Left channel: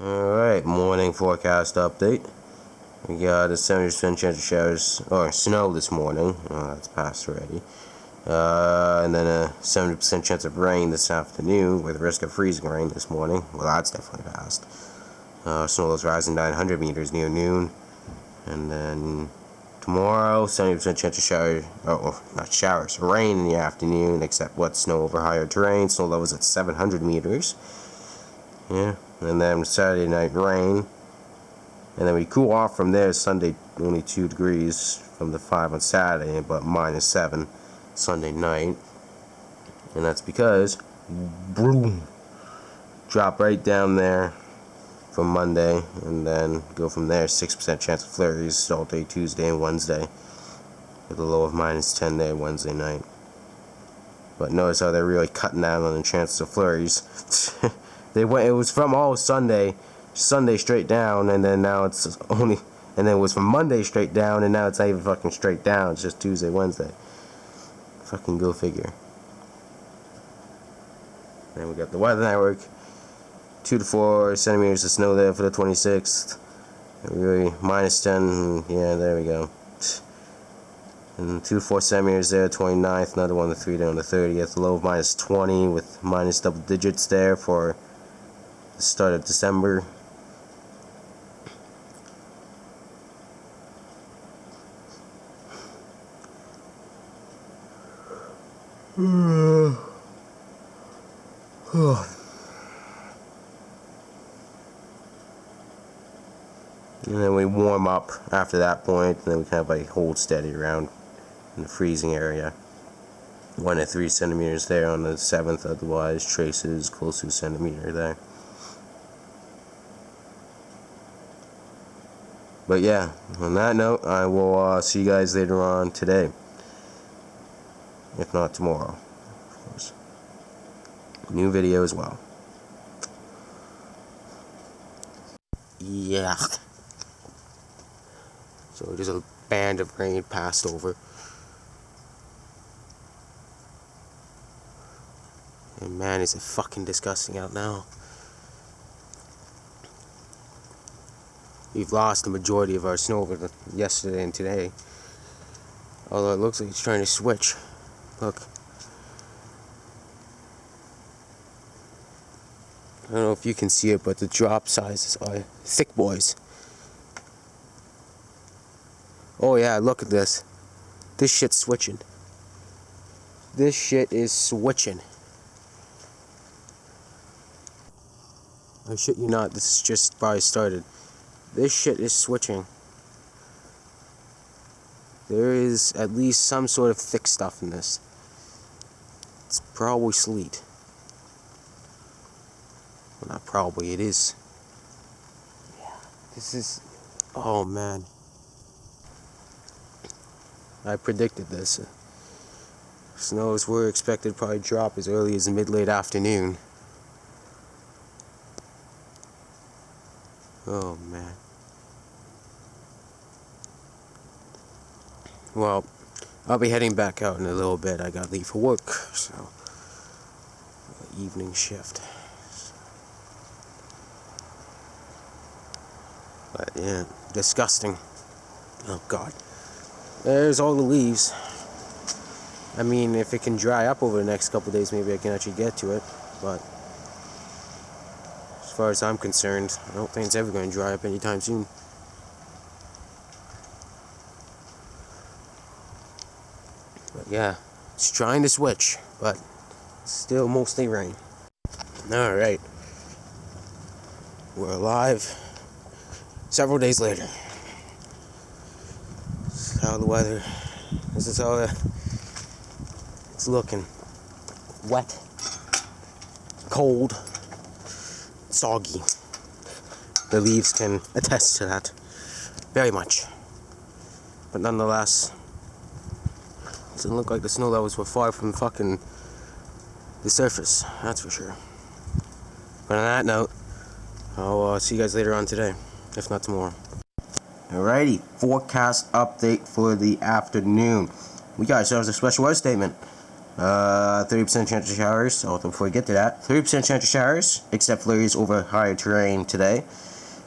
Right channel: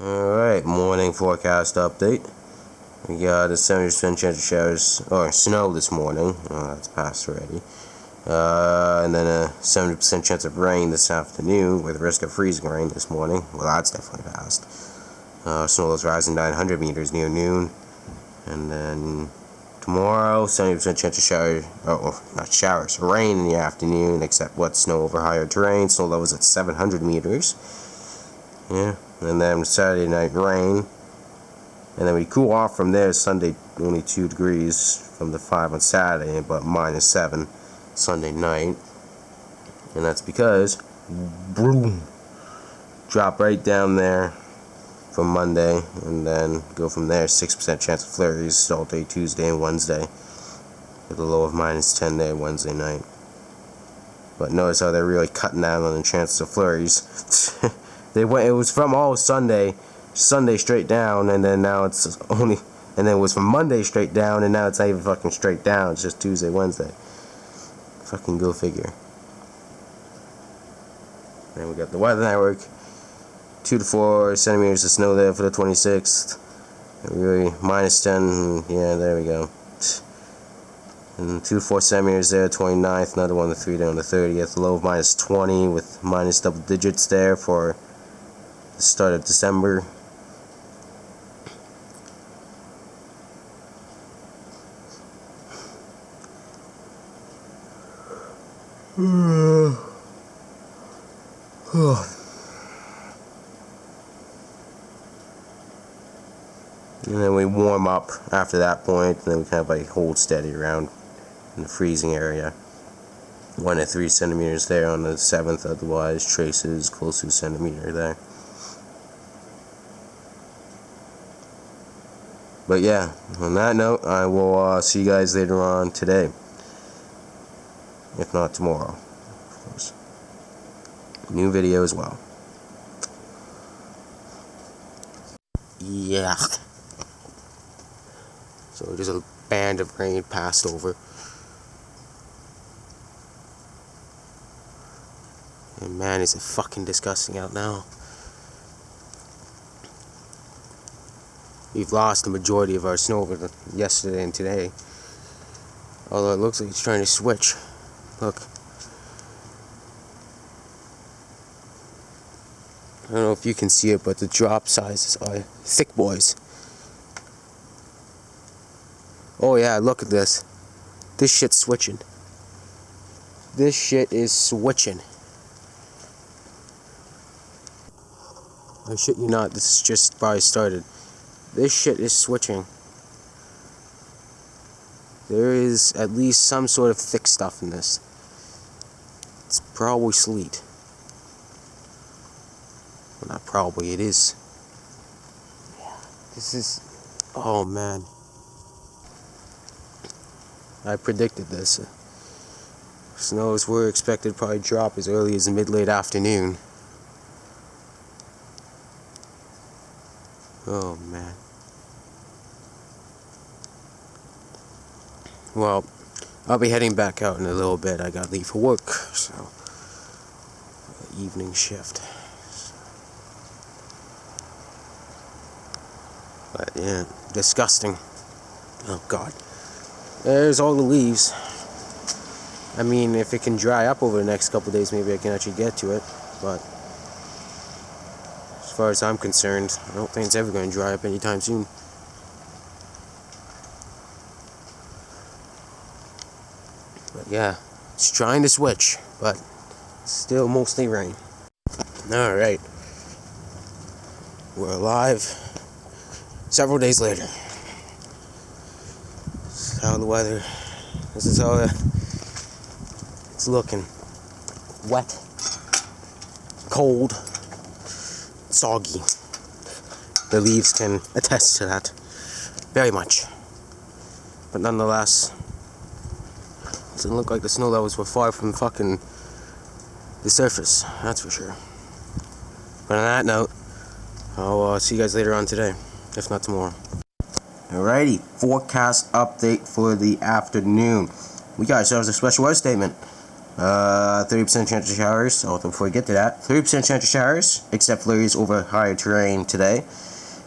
Alright, morning forecast update. We got a 70% chance of showers, or snow this morning. Oh, that's passed already. And then a 70% chance of rain this afternoon with risk of freezing rain this morning. Well, that's definitely passed. Snow levels rising 900 meters near noon. And then tomorrow, 70% chance of showers, not showers, rain in the afternoon, except wet snow over higher terrain. Snow levels at 700 meters. Yeah. And then Saturday night rain, and then we cool off from there. Sunday only 2 degrees from the 5 on Saturday, but -7 Sunday night, and that's because boom, drop right down there from Monday, and then go from there. 6% chance of flurries all day Tuesday and Wednesday, with a low of -10 there Wednesday night. But notice how they're really cutting down on the chances of flurries. It was from all Sunday straight down, and then now it's only, and then it was from Monday straight down, and now it's not even fucking straight down. It's just Tuesday, Wednesday. Fucking go figure. Then we got the weather network. 2 to 4 centimeters of snow there for the 26th. And really -10. Yeah, there we go. And 2 to 4 centimeters there, 29th. Another 1 to 3 there on the 30th. Low of -20 with minus double digits there for the start of December. And then we warm up after that point, and then we kind of like hold steady around in the freezing area. 1 to 3 centimeters there on the 7th, otherwise traces close to a centimeter there. But yeah, on that note, I will see you guys later on today. If not tomorrow, of course. New video as well. Yeah. So there's a band of rain passed over. And man, is it fucking disgusting out now. We've lost the majority of our snow over yesterday and today. Although it looks like it's trying to switch. Look. I don't know if you can see it, but the drop sizes are thick boys. Oh yeah, look at this. This shit's switching. This shit is switching. I shit you not, this is just probably started. This shit is switching. There is at least some sort of thick stuff in this. It's probably sleet. Well, not probably, it is. Yeah, this is... Oh man. I predicted this. Snows were expected to probably drop as early as mid-late afternoon. Oh man. Well, I'll be heading back out in a little bit. I gotta leave for work, so evening shift. But yeah, disgusting. Oh god. There's all the leaves. I mean, if it can dry up over the next couple of days, maybe I can actually get to it, but as far as I'm concerned, I don't think it's ever going to dry up anytime soon. But yeah, it's trying to switch, but still mostly rain. Alright. We're alive several days later. This is how the weather, this is how it's looking. Wet, cold, soggy. The leaves can attest to that very much. But nonetheless, it doesn't look like the snow levels were far from fucking the surface, that's for sure. But on that note, I'll see you guys later on today, if not tomorrow. Alrighty, forecast update for the afternoon. We got ourselves a special weather statement. 30% chance of showers. Oh, before we get to that, 30% chance of showers, except flurries over higher terrain today,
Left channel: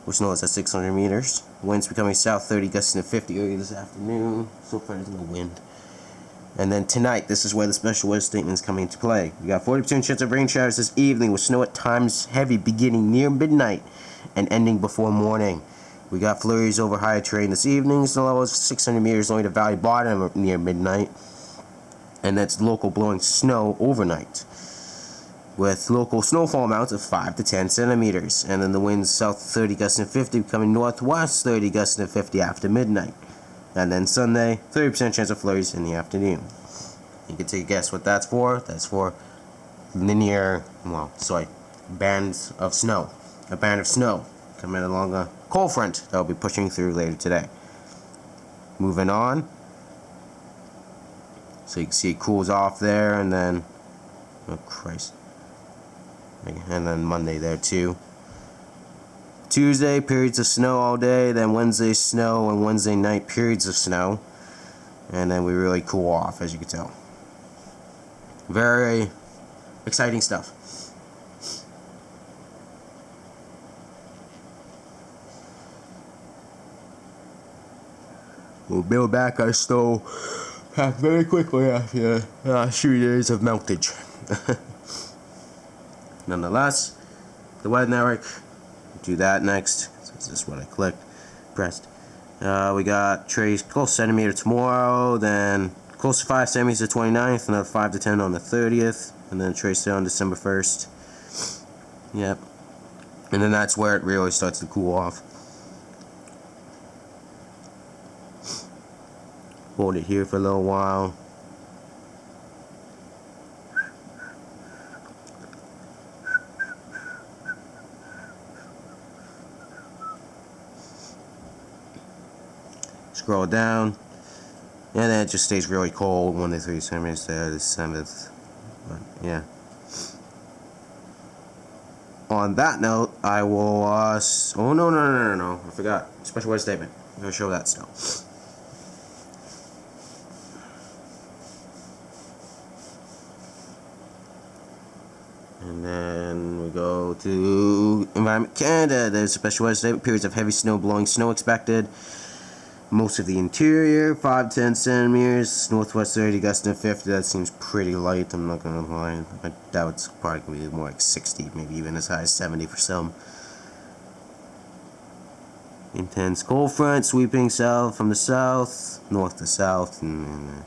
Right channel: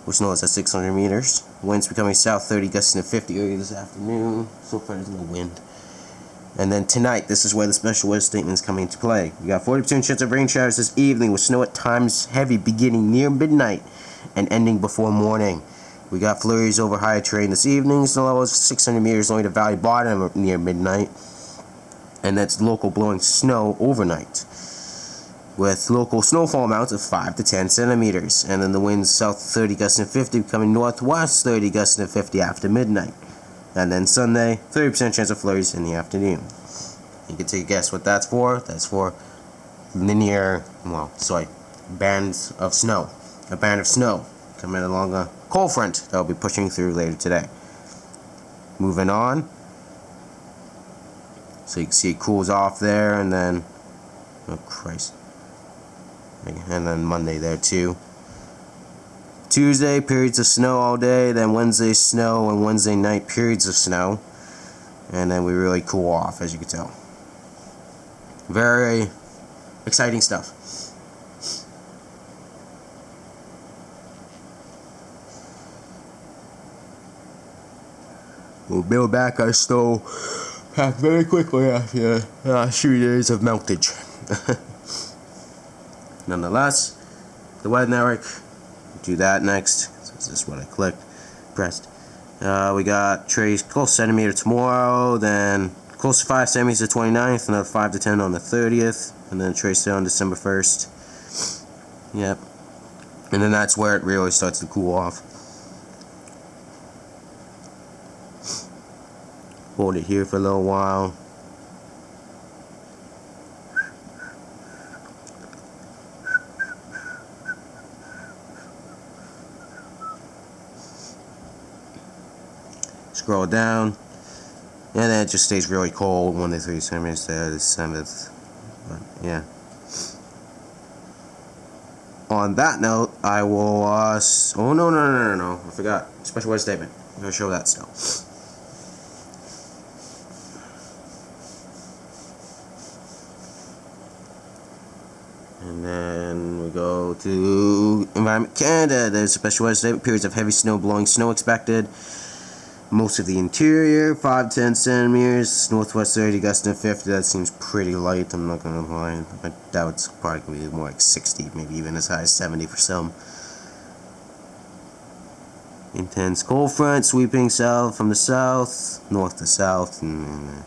which knows at 600 meters. Winds becoming south 30, gusting to 50 early this afternoon. So far, there's no wind. And then tonight, this is where the special weather statement is coming into play. We got 40% chance of rain showers this evening, with snow at times heavy beginning near midnight and ending before morning. We got flurries over higher terrain this evening. Snow levels 600 meters only to valley bottom near midnight. And that's local blowing snow overnight, with local snowfall amounts of 5 to 10 centimeters. And then the winds south 30 gusting to 50, becoming northwest 30 gusting to 50 after midnight. And then Sunday, 30% chance of flurries in the afternoon. You can take a guess what that's for. That's for bands of snow. A band of snow coming along a cold front that will be pushing through later today. Moving on. So you can see it cools off there, and then, oh Christ. And then Monday there too. Tuesday, periods of snow all day, then Wednesday snow, and Wednesday night periods of snow. And then we really cool off, as you can tell. Very exciting stuff. We'll build back our snow pack very quickly after the last few days of meltage. Nonetheless, the weather network. Do that next. So this is what I pressed. We got trace close centimeter tomorrow, then close to 5 centimeters the 29th, another 5 to 10 on the 30th, and then trace there on December 1st. Yep. And then that's where it really starts to cool off. Hold it here for a little while. Scroll down, and then it just stays really cold. 1 to 3 centimeters there, the 7th. But yeah. On that note, I will. Oh no! I forgot. Special weather statement. I'm gonna show that still. And then we go to Environment Canada. There's a special weather statement. Periods of heavy snow, blowing snow expected. Most of the interior, 5 to 10 centimeters. Northwest 30, gusting to 50. That seems pretty light, I'm not going to lie. I doubt it's probably going to be more like 60, maybe even as high as 70 for some. Intense cold front sweeping south from the south, north to south. And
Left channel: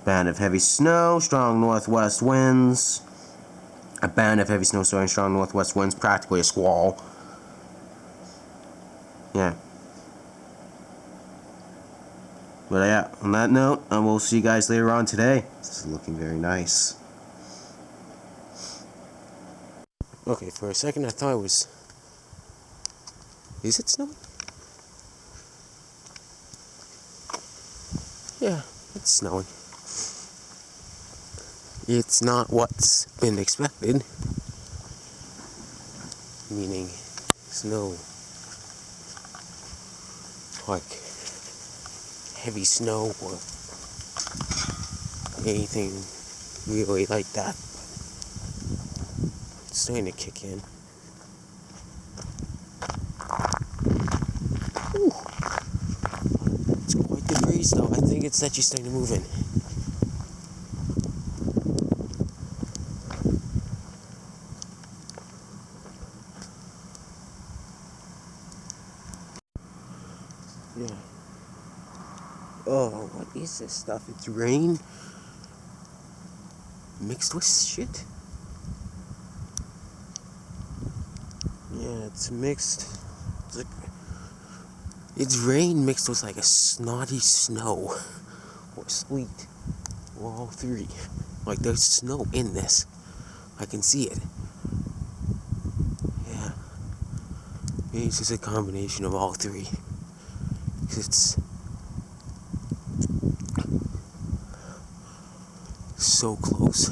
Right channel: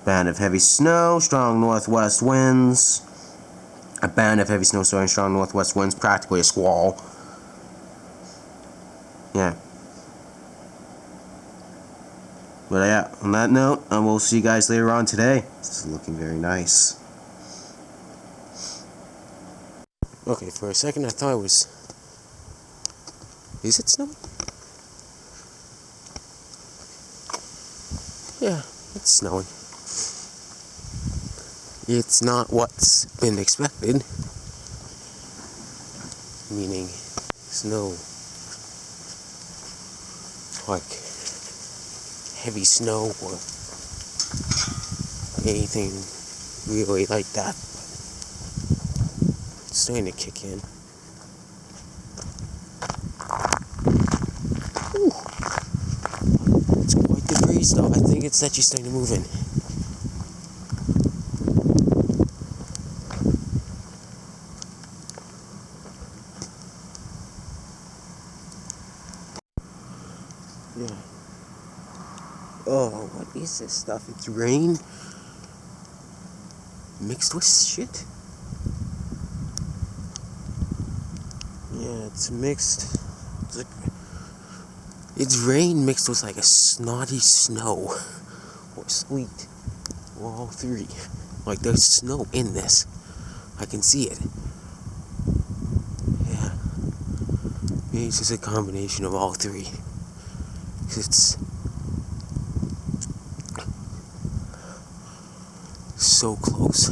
a band of heavy snow, strong northwest winds. A band of heavy snow, strong northwest winds, practically a squall. Yeah. But yeah, on that note, we'll see you guys later on today. This is looking very nice. Okay, for a second I thought it was... Is it snowing? Yeah, it's snowing. It's not what's been expected. Meaning, snow. Like... heavy snow or anything really like that. It's starting to kick in. Ooh. It's quite the breeze though. I think it's actually starting to move in. Yeah. Oh, what is this stuff? It's rain mixed with shit? Yeah, it's mixed. It's rain mixed with like a snotty snow or sleet, or all three. Like there's snow in this. I can see it. Yeah. Maybe it's just a combination of all three. 'Cause it's so close.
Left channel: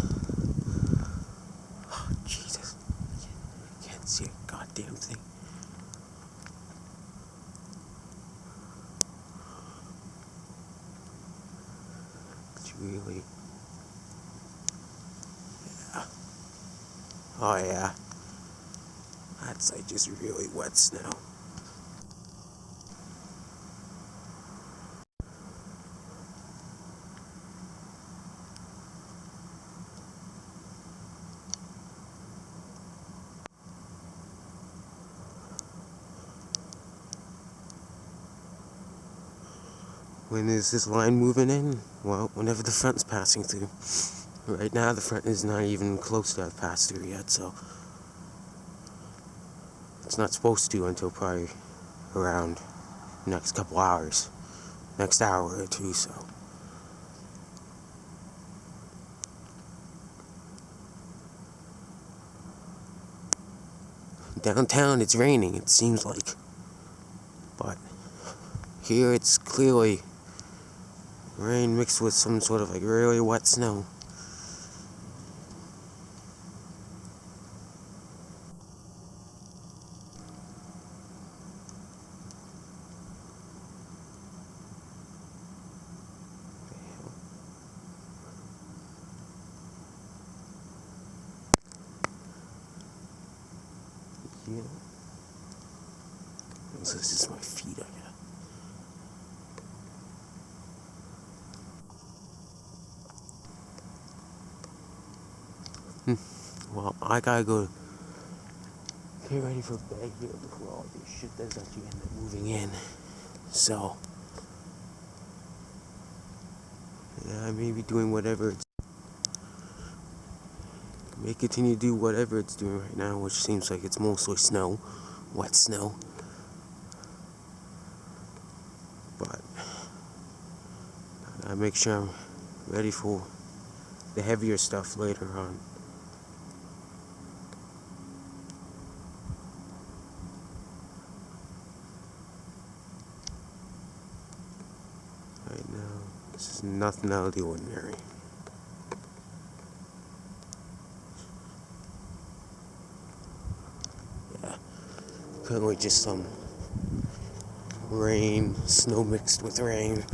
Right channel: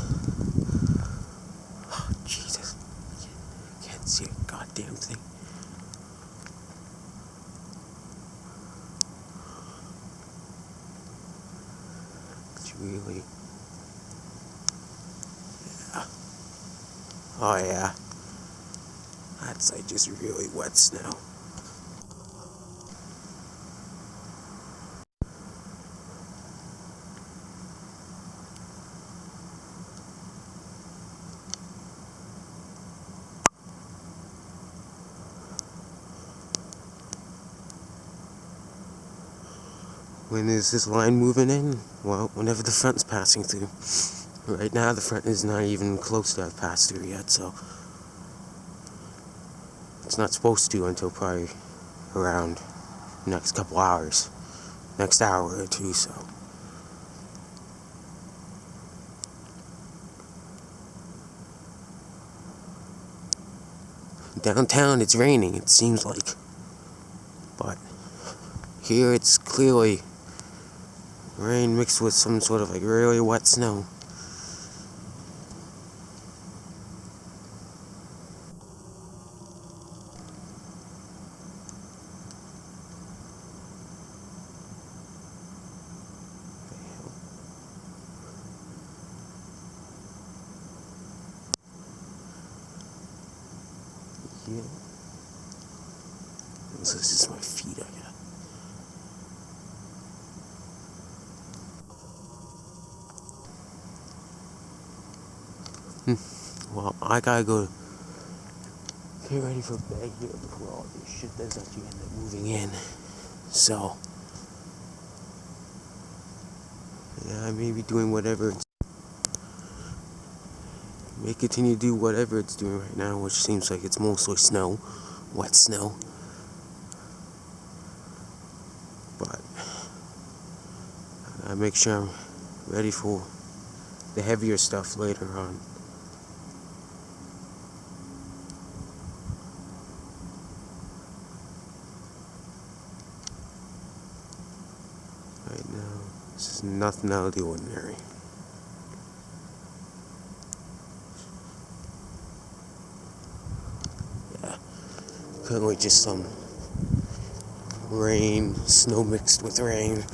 Oh, Jesus. I can't see a goddamn thing. It's really Oh yeah. That's like just really wet snow. When is this line moving in? Well, whenever the front's passing through. Right now, the front is not even close to have passed through yet, so it's not supposed to until probably around the next couple hours, next hour or two, so. Downtown, it's raining, it seems like, but here it's clearly rain mixed with some sort of like really wet snow. Yeah. This is just my feet, I guess. Well, I gotta go get ready for bed here before all this shit does actually end up moving in. So, yeah, I may be doing whatever may continue to do whatever it's doing right now, which seems like it's mostly snow, wet snow. But I gotta make sure I'm ready for the heavier stuff later on. Right now, this is nothing out of the ordinary. Yeah, currently just some rain, snow mixed with rain,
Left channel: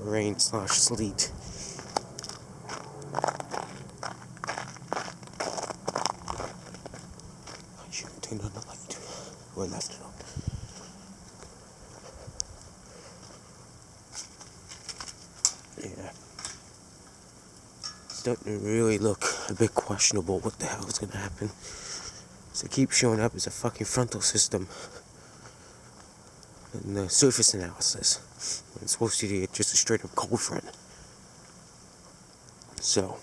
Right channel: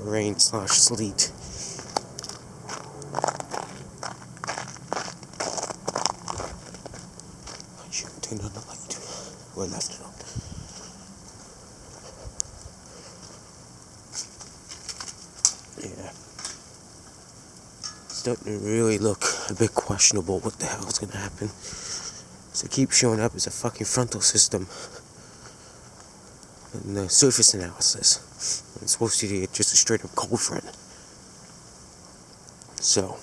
rain/sleet. I should have turned on the light, or left it on. Yeah, starting to really look a bit questionable what the hell is gonna happen. So it keeps showing up as a fucking frontal system in the surface analysis. It's supposed to be just a straight up cold front. So,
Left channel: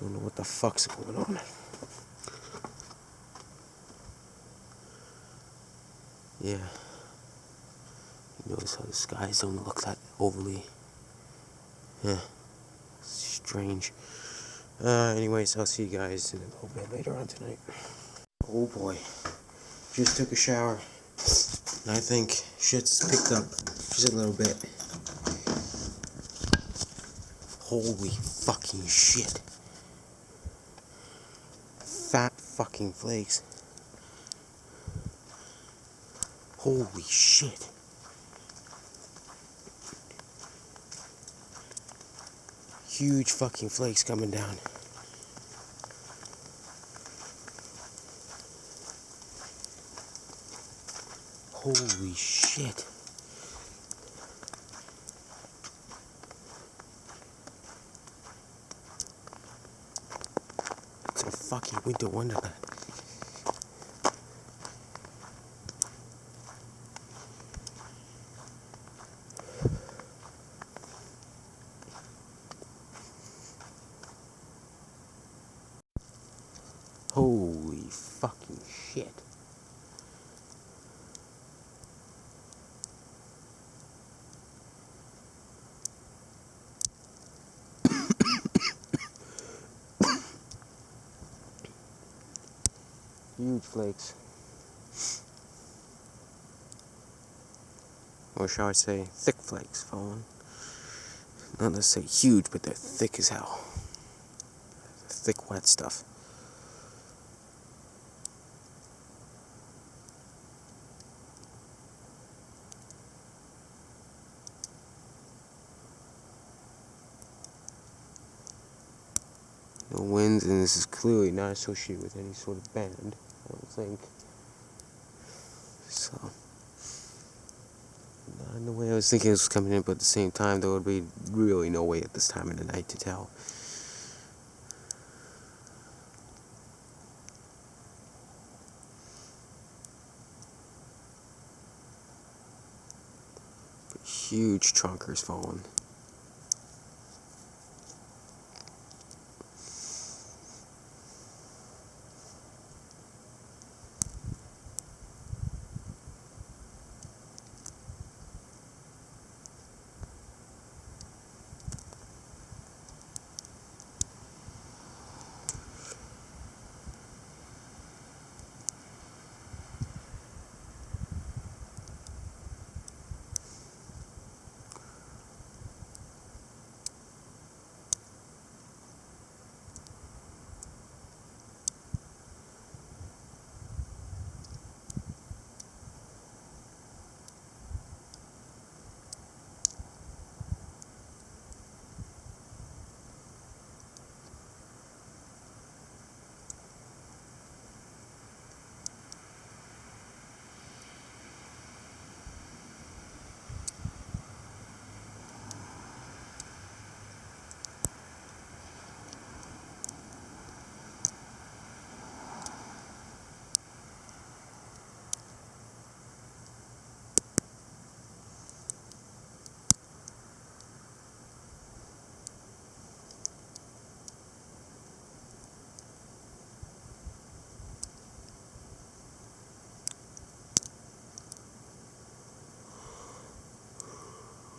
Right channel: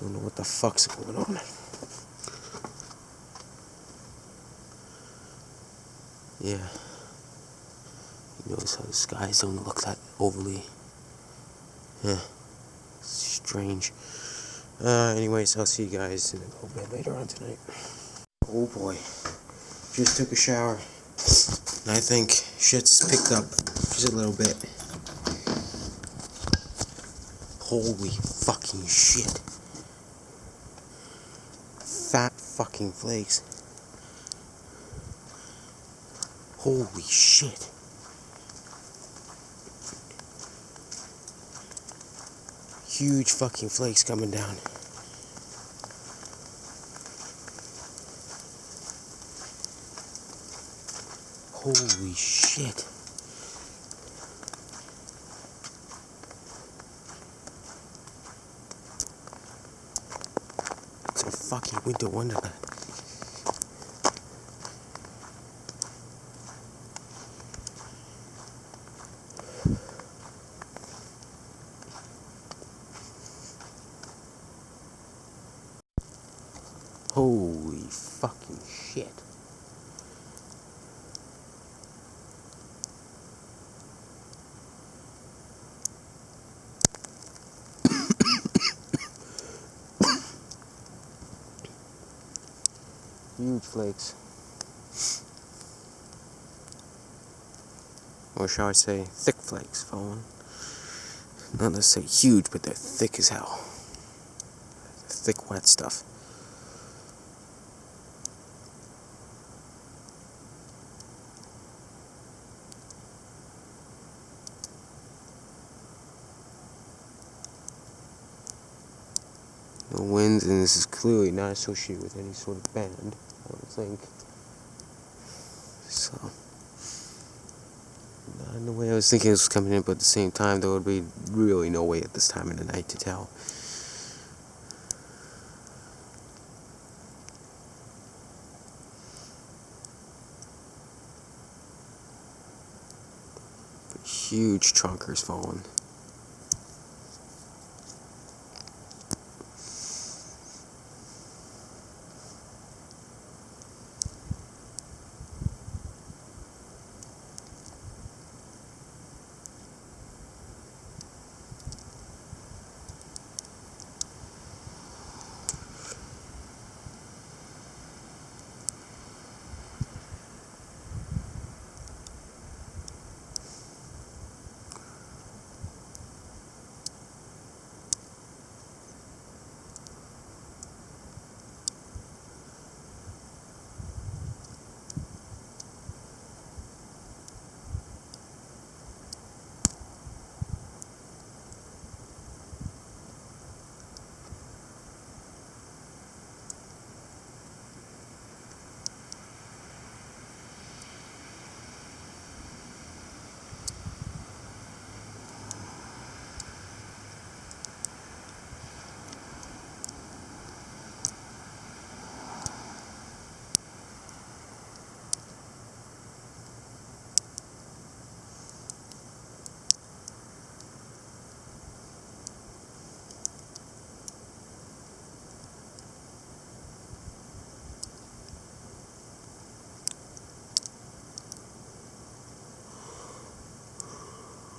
don't know what the fuck's going on. Yeah. You notice how the skies don't look that overly, strange. Anyways, I'll see you guys in a little bit later on tonight. Oh boy. Just took a shower. And I think shit's picked up just a little bit. Holy fucking shit. Fat fucking flakes. Holy shit. Huge fucking flakes coming down. Holy shit. It's a fucking winter wonderland. Holy fucking shit. Huge flakes. Or shall I say, thick flakes falling. Not necessarily huge, but they're thick as hell. Thick, wet stuff. No winds, and this is clearly not associated with any sort of band, I don't think. So, not in the way I was thinking it was coming in, but at the same time, there would be really no way at this time of the night to tell. But huge trunkers falling.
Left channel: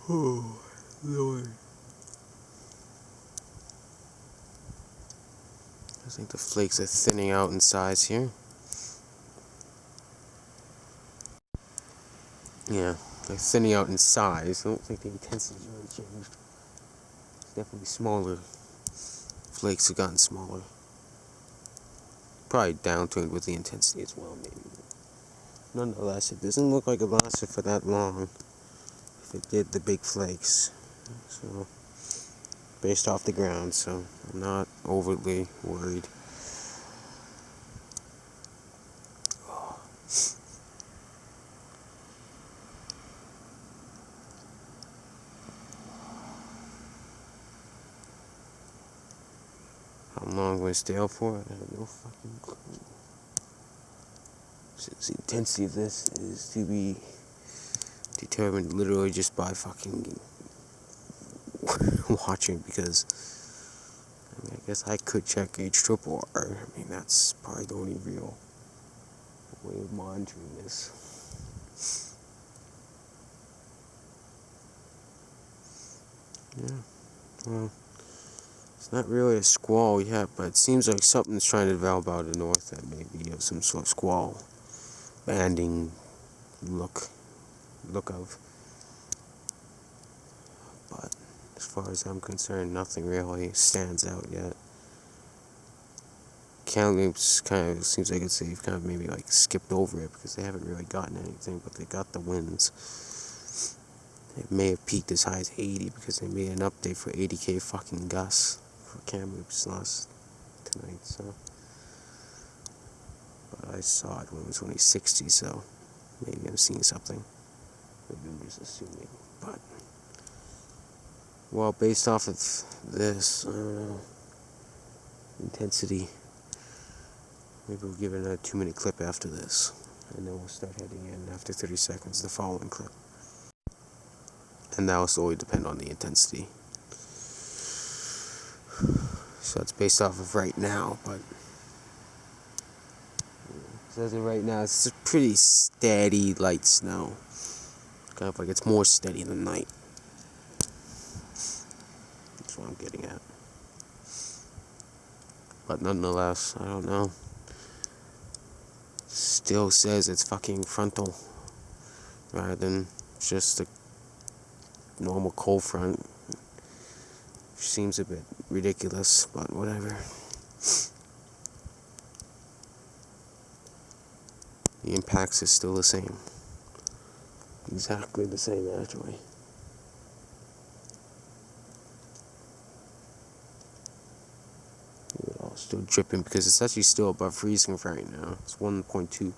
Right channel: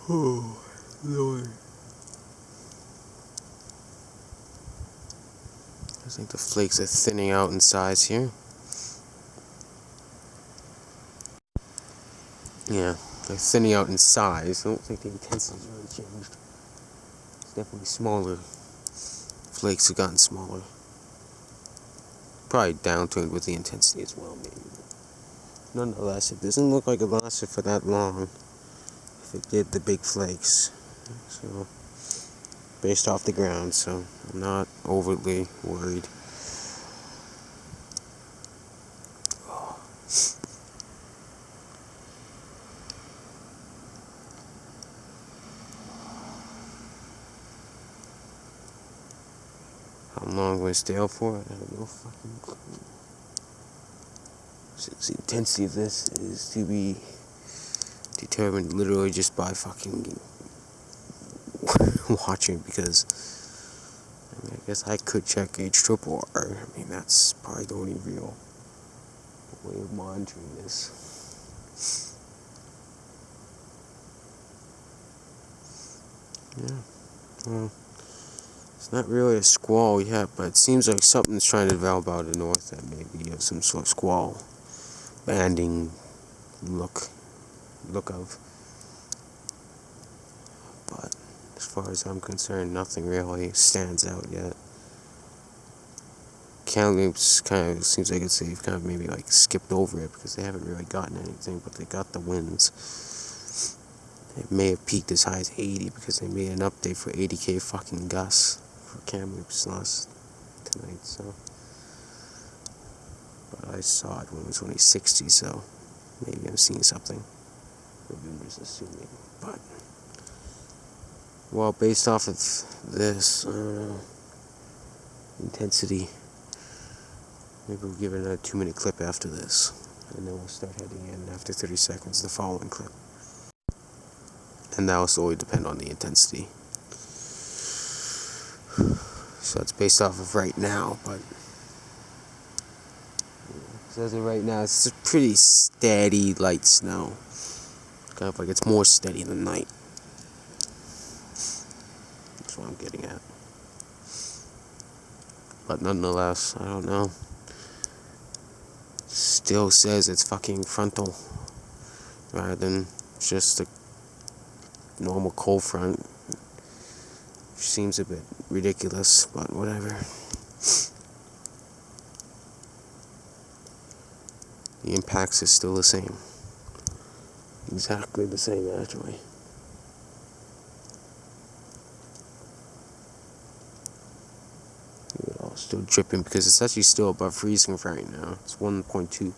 Oh, Lord. I think the flakes are thinning out in size here. Yeah, they're thinning out in size. I don't think the intensity's really changed. It's definitely smaller. Flakes have gotten smaller. Probably downtuned with the intensity as well, maybe. Nonetheless, it doesn't look like it lasted for that long. If it did, the big flakes. So, based off the ground, so I'm not overly worried. How long will it stay out for? I have no fucking clue. Since the intensity of this is to be determined literally just by fucking watching, because I mean, I guess I could check H-triple R. I mean, that's probably the only real way of monitoring this. Yeah, well, it's not really a squall yet, but it seems like something's trying to develop out of the north that may be of some sort of squall banding look of. But as far as I'm concerned, nothing really stands out yet. Kamloops kind of seems like they've kind of maybe like skipped over it because they haven't really gotten anything, but they got the winds. It may have peaked as high as 80 because they made an update for 80k fucking gusts for Kamloops tonight, so. But I saw it when it was only 60, so maybe I'm seeing something. Maybe I'm just assuming, but. Well, based off of this, I don't know, intensity, maybe we'll give it another 2-minute clip after this, and then we'll start heading in after 30 seconds, the following clip. And that will solely depend on the intensity. So it's based off of right now, but as of right now, it's a pretty steady light snow. Kind of like it's more steady than night. That's what I'm getting at. But nonetheless, I don't know. Still says it's fucking frontal rather than just a normal cold front. Which seems a bit ridiculous, but whatever. The impacts is still the same. Exactly the same, actually. Still dripping because it's actually still above freezing right now. It's 1.2.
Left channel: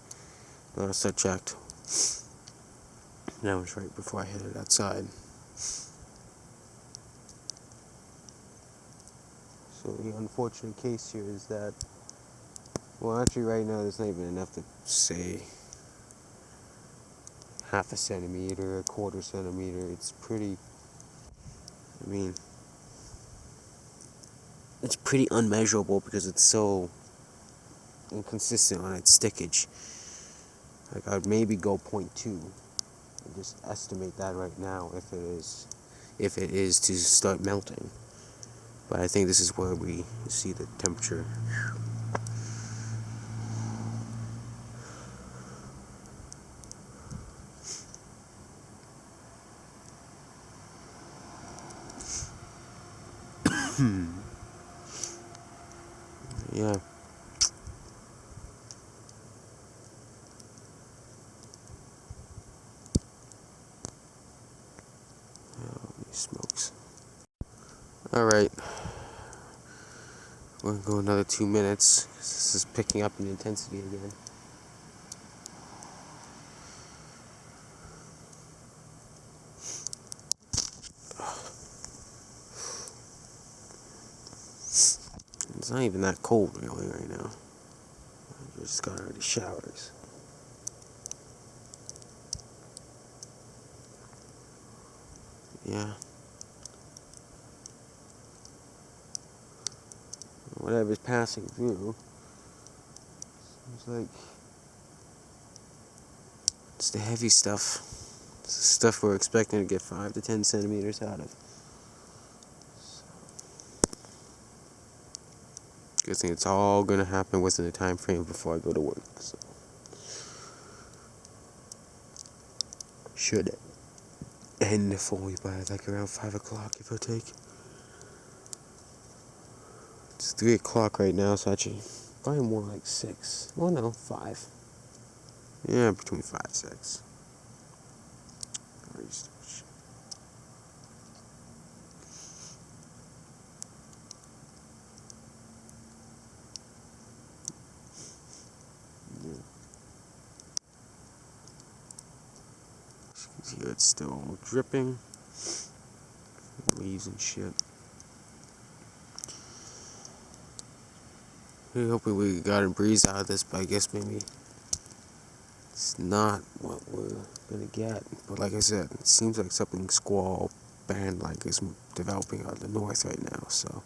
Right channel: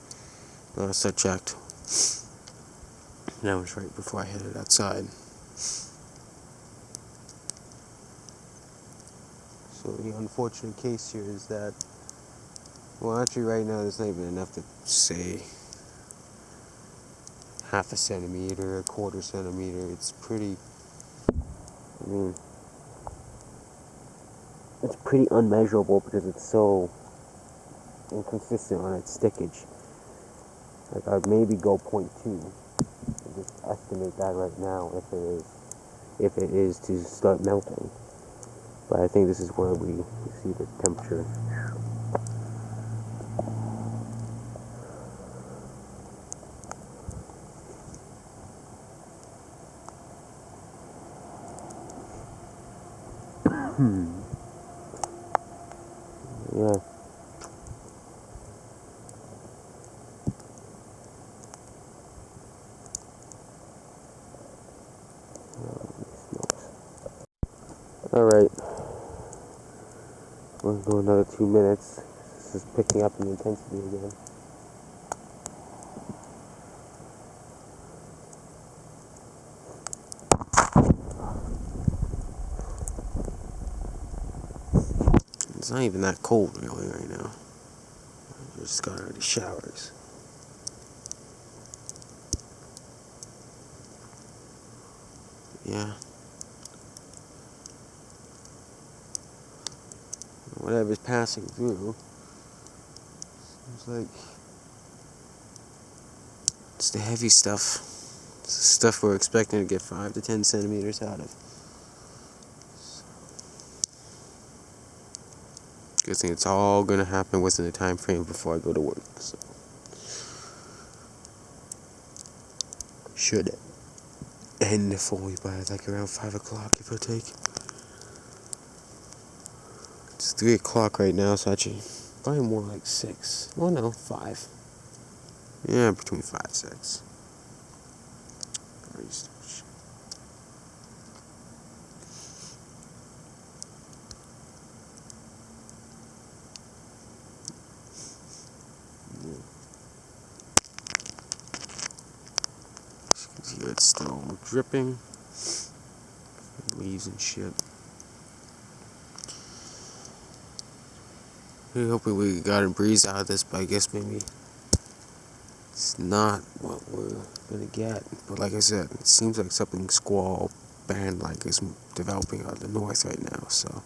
Last I checked. That was right before I headed outside. So the unfortunate case here is that, well, actually right now there's not even enough to say half a centimeter, a quarter centimeter. It's pretty, I mean, it's pretty unmeasurable because it's so inconsistent on its stickage. Like, I'd maybe go 0.2 and just estimate that right now if it is to start melting. But I think this is where we see the temperature. Yeah. Smokes. Alright. We're going to go another 2 minutes. This is picking up in intensity again. It's not even that cold really right now. I just got out of the showers. Yeah. Whatever's passing through, seems like it's the heavy stuff. It's the stuff we're expecting to get 5 to 10 centimeters out of. Good thing it's all gonna happen within the time frame before I go to work. So should end fully by like around 5 o'clock, if I take. It's 3 o'clock right now, so actually probably more like 6. Well, no, 5. Yeah, between 5 and 6. Here it's still dripping. Leaves and shit. We're hoping we got a breeze out of this, but I guess maybe it's not what we're gonna get. But like I said, it seems like something squall band like is developing out of the north right now, so.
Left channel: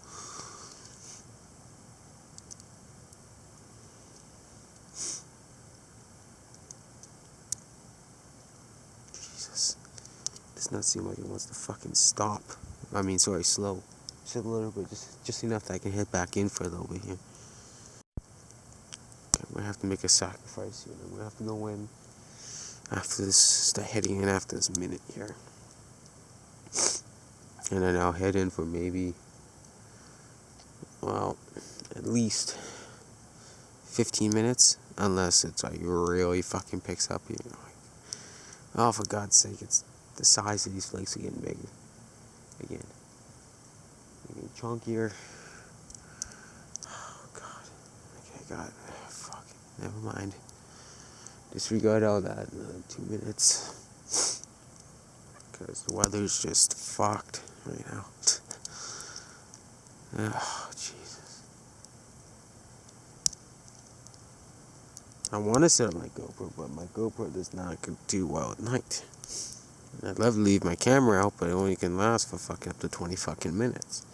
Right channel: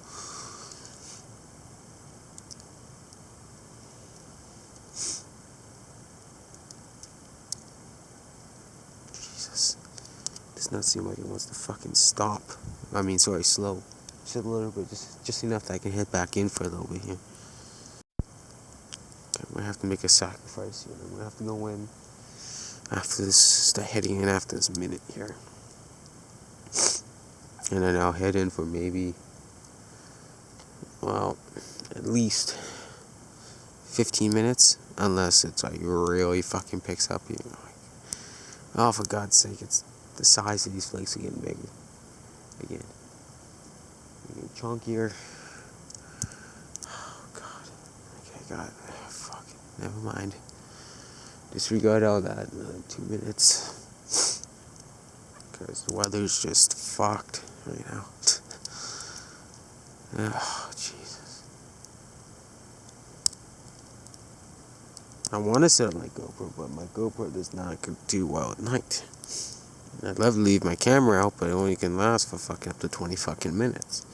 Jesus. Does not seem like it wants to fucking stop. I mean, sorry, slow. Just a little bit, just enough that I can head back in for a little bit here. Okay, I'm gonna have to make a sacrifice here. I'm gonna have to go in after this, start heading in after this minute here. And then I'll head in for maybe, well, at least 15 minutes, unless it's like really fucking picks up, you know, like, oh, for God's sake, it's the size of these flakes are getting bigger again. They're getting chunkier. Oh God. Okay, God, fuck, never mind. Disregard all that. Another 2 minutes, because the weather's just fucked right now. Oh Jesus. I want to set up my GoPro, but my GoPro does not do well at night. I'd love to leave my camera out, but it only can last for fucking up to 20 fucking minutes.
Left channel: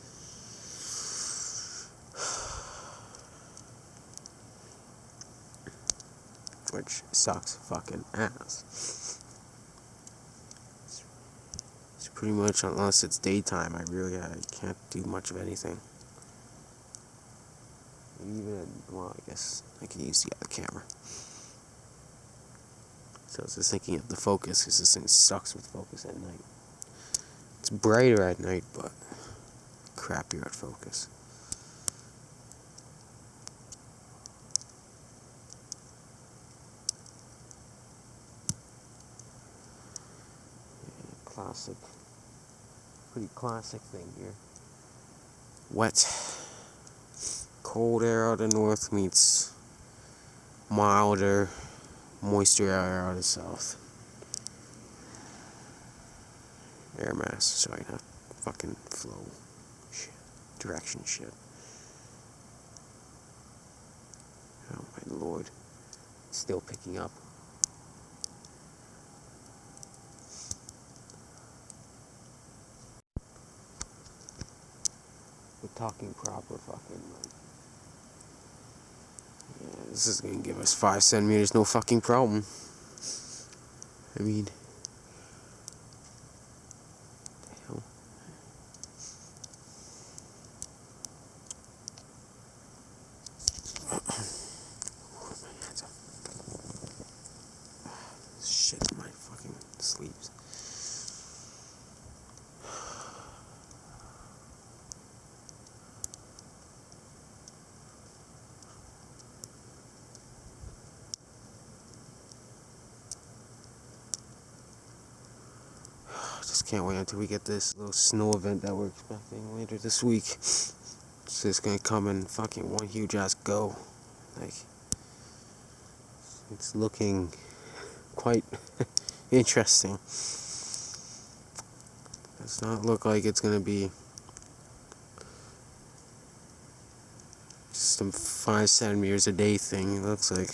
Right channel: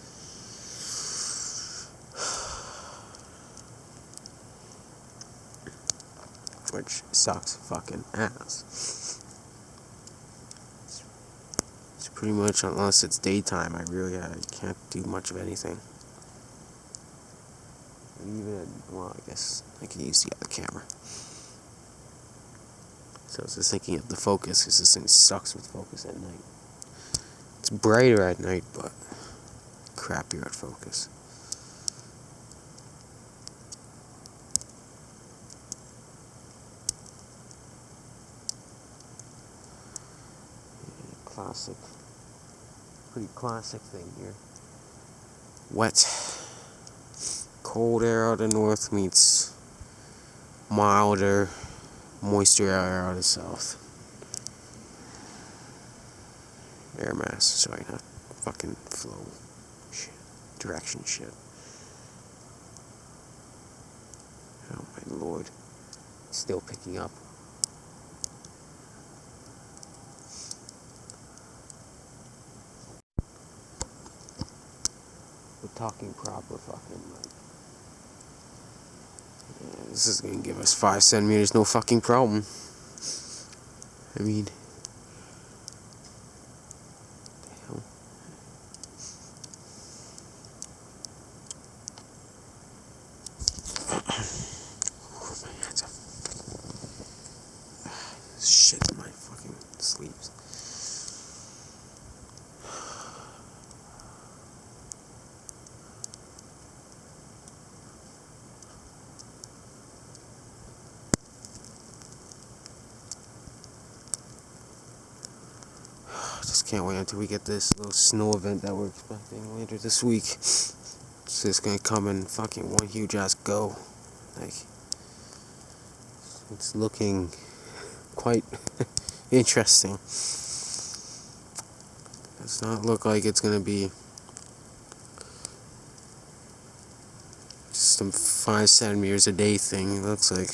Which sucks fucking ass. It's pretty much, unless it's daytime, I can't do much of anything. And even, well, I guess I can use the other camera. So I was just thinking of the focus, because this thing sucks with focus at night. It's brighter at night, but crappier at focus. Yeah, classic. Pretty classic thing here. Wet. cold air out of the north meets milder, moisture air out of the south. Air mass, sorry, not fucking flow shit, direction shit. Oh my lord, it's still picking up. We're talking proper fucking like. Yeah, this is gonna give us 5 centimeters, no fucking problem. I mean, the hell. My hands are shit in my fucking sleeves. Just can't wait until we get this little snow event that we're expecting later this week. It's just gonna come in fucking one huge ass go. Like, it's looking quite interesting. Does not look like it's gonna be just some 5 centimeters a day thing. It looks like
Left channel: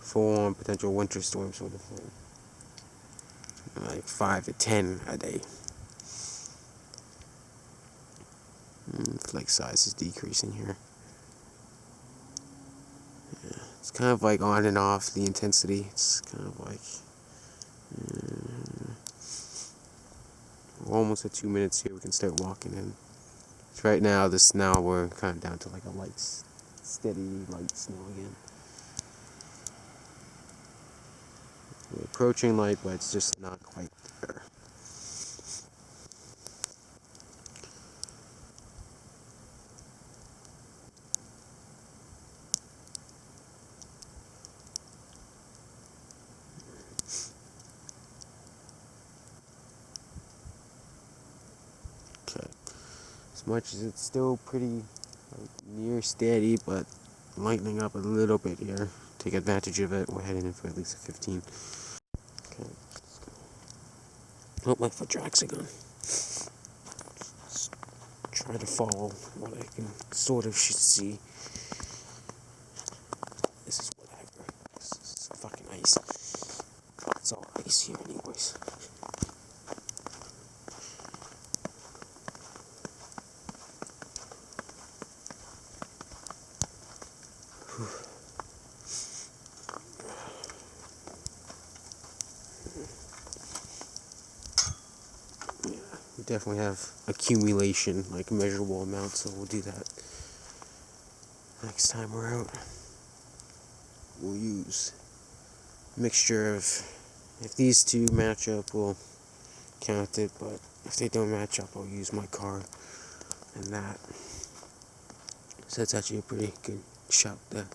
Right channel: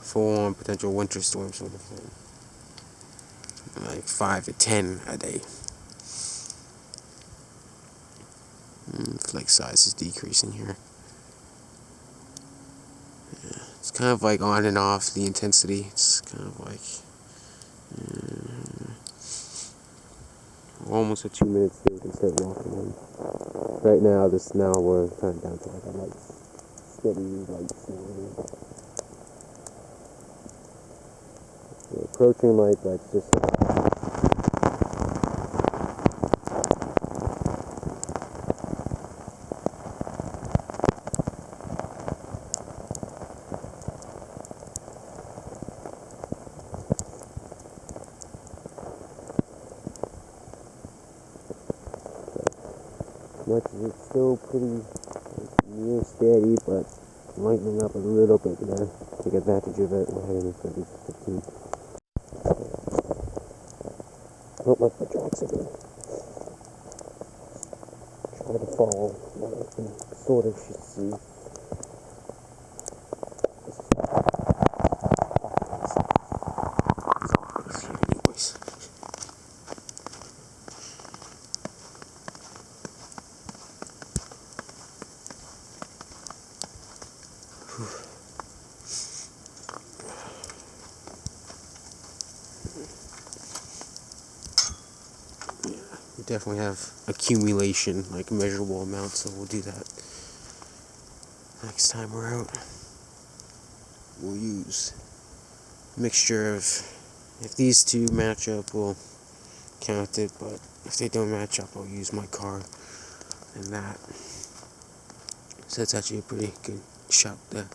full-on potential winter storm sort of thing. Like 5 to 10 a day. Flake size is decreasing here. Yeah, it's kind of like on and off the intensity. It's kind of like we're almost at 2 minutes here. We can start walking in. So right now, we're kind of down to like a light, steady light snow again. We're approaching light, but it's just like. As much as it's still pretty near steady, but lightening up a little bit here. Take advantage of it. We're heading in for at least a 15. Okay. Oh, my foot tracks again. Try to follow what I can sort of see. This is fucking ice. It's all ice here anyways. We definitely have accumulation, like measurable amounts, so we'll do that next time we're out. We'll use a mixture of, if these two match up, we'll count it, but if they don't match up, I'll use my car and that. So that's actually a pretty good shot there.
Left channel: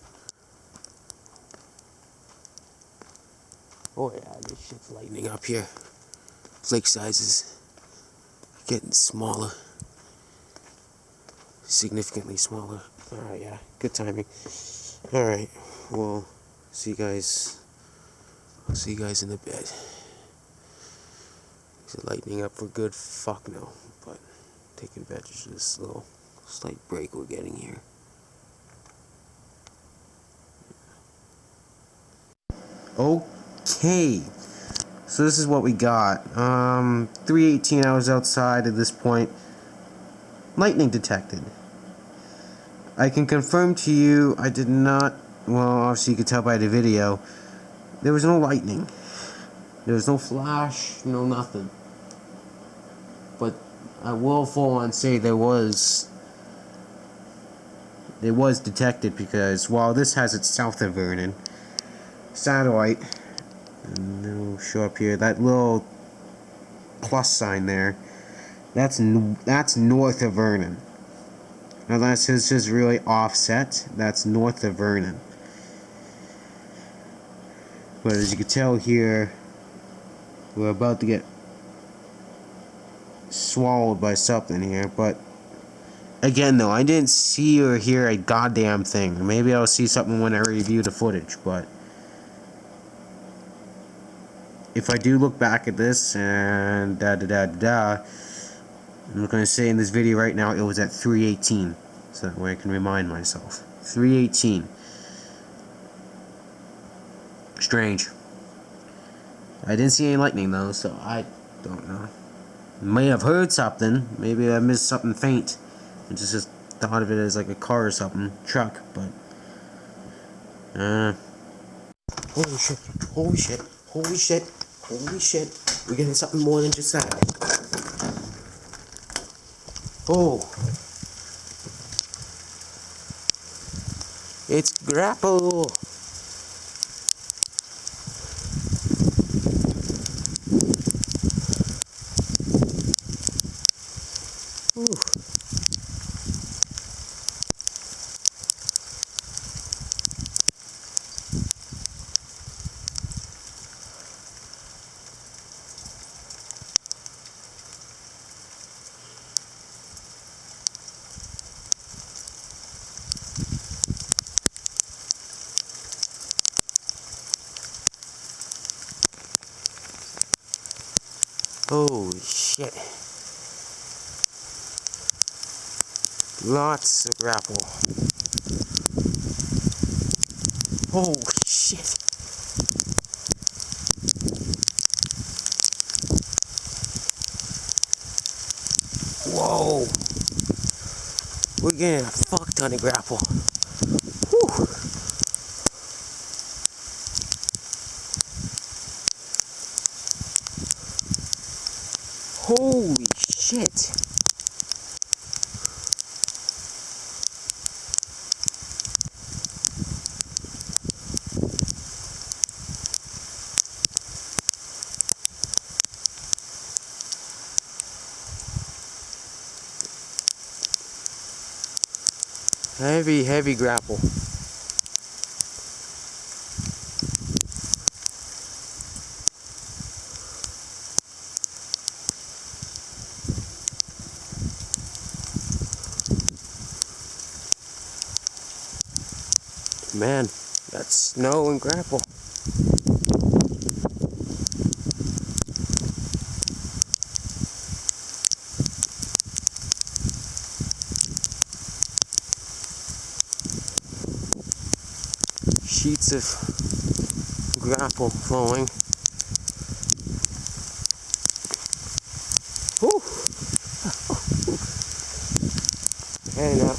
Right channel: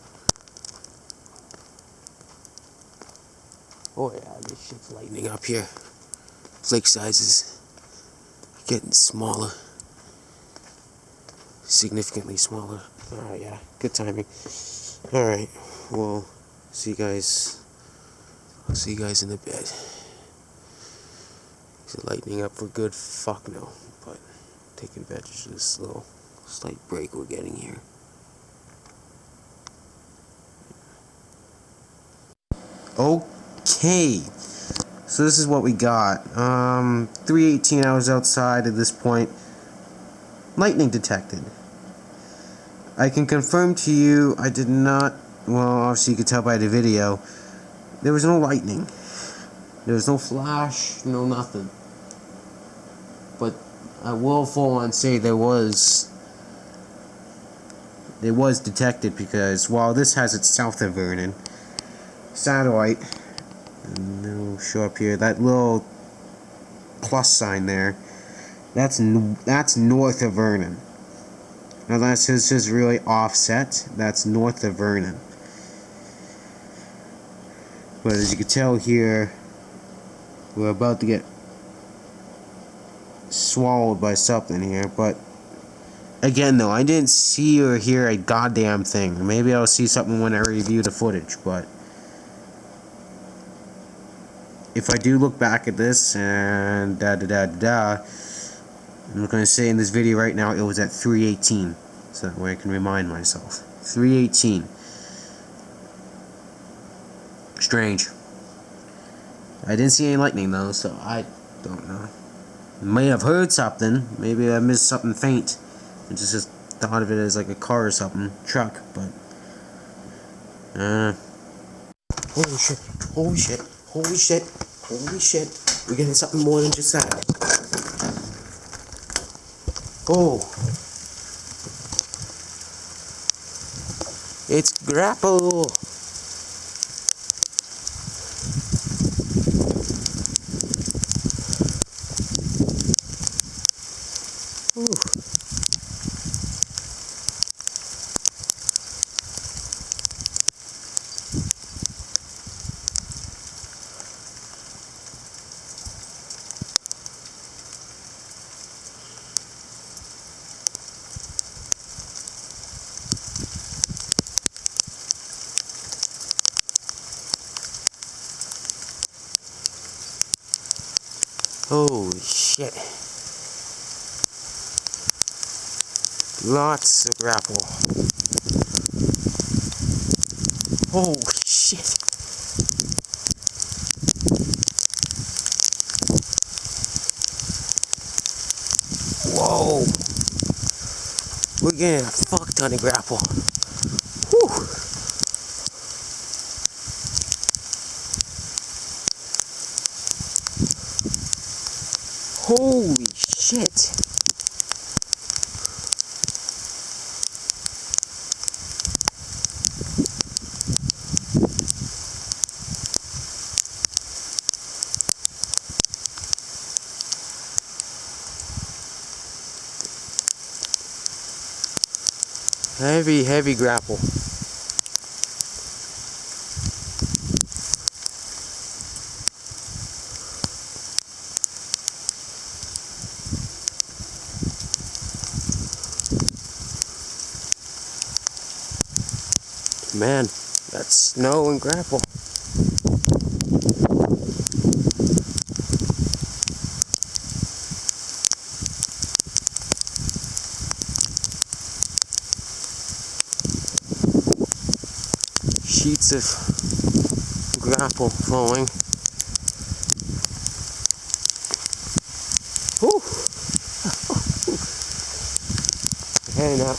Oh yeah, this shit's lightening up here. Flake sizes getting smaller, significantly smaller. Alright, yeah, good timing. Alright, well, see you guys. I'll see you guys in a bit. Is it lightening up for good? Fuck no, but take advantage of this little slight break we're getting here. Okay, so this is what we got. 3:18 hours outside at this point. Lightning detected. I can confirm to you, I did not, well, obviously you could tell by the video, there was no lightning. There was no flash, no nothing. But I will full on say there was detected, because while this has its south of Vernon satellite, and it'll show up here, that little plus sign there, that's north of Vernon. Now that's just really offset. That's north of Vernon. But as you can tell here, we're about to get swallowed by something here. But Again, though, I didn't see or hear a goddamn thing. Maybe I'll see something when I review the footage, but if I do look back at this and I'm going to say in this video right now it was at 3:18, so that way I can remind myself. 3:18. Strange. I didn't see any lightning though, so I don't know. May have heard something. Maybe I missed something faint. I just thought of it as like a car or something, truck, but holy shit, holy shit, holy shit, holy shit. We're getting something more than just that. Oh, it's Graupel. Ooh. Holy shit. Lots of Graupel. Holy shit. Whoa. We're getting a fuck ton of Graupel. Whew. Holy shit. Heavy Graupel. Man, that's snow and Graupel. Sheets of Graupel falling. Whew. Heading up.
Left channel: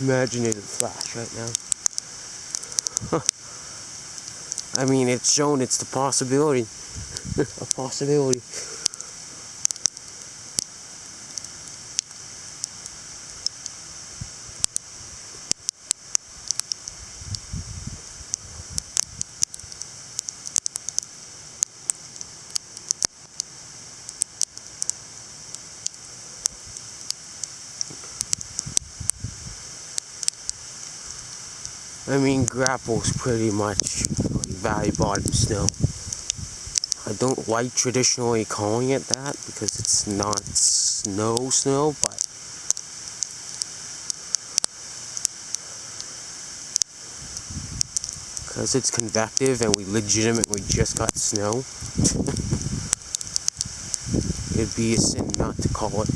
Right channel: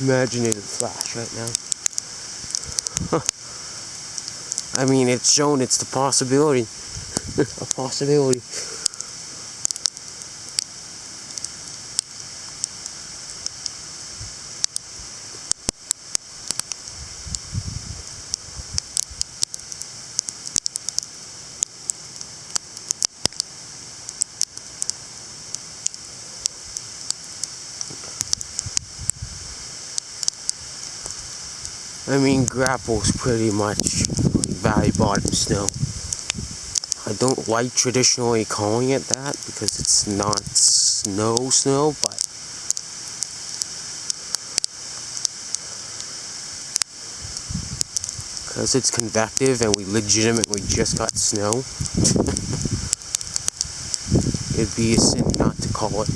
Imaginative flash right now. I mean, it's shown it's the possibility. A possibility. I mean, Graupel's pretty much valley bottom snow. I don't like traditionally calling it that because it's not snow, but because it's convective and we legitimately just got snow, it'd be a sin not to call it.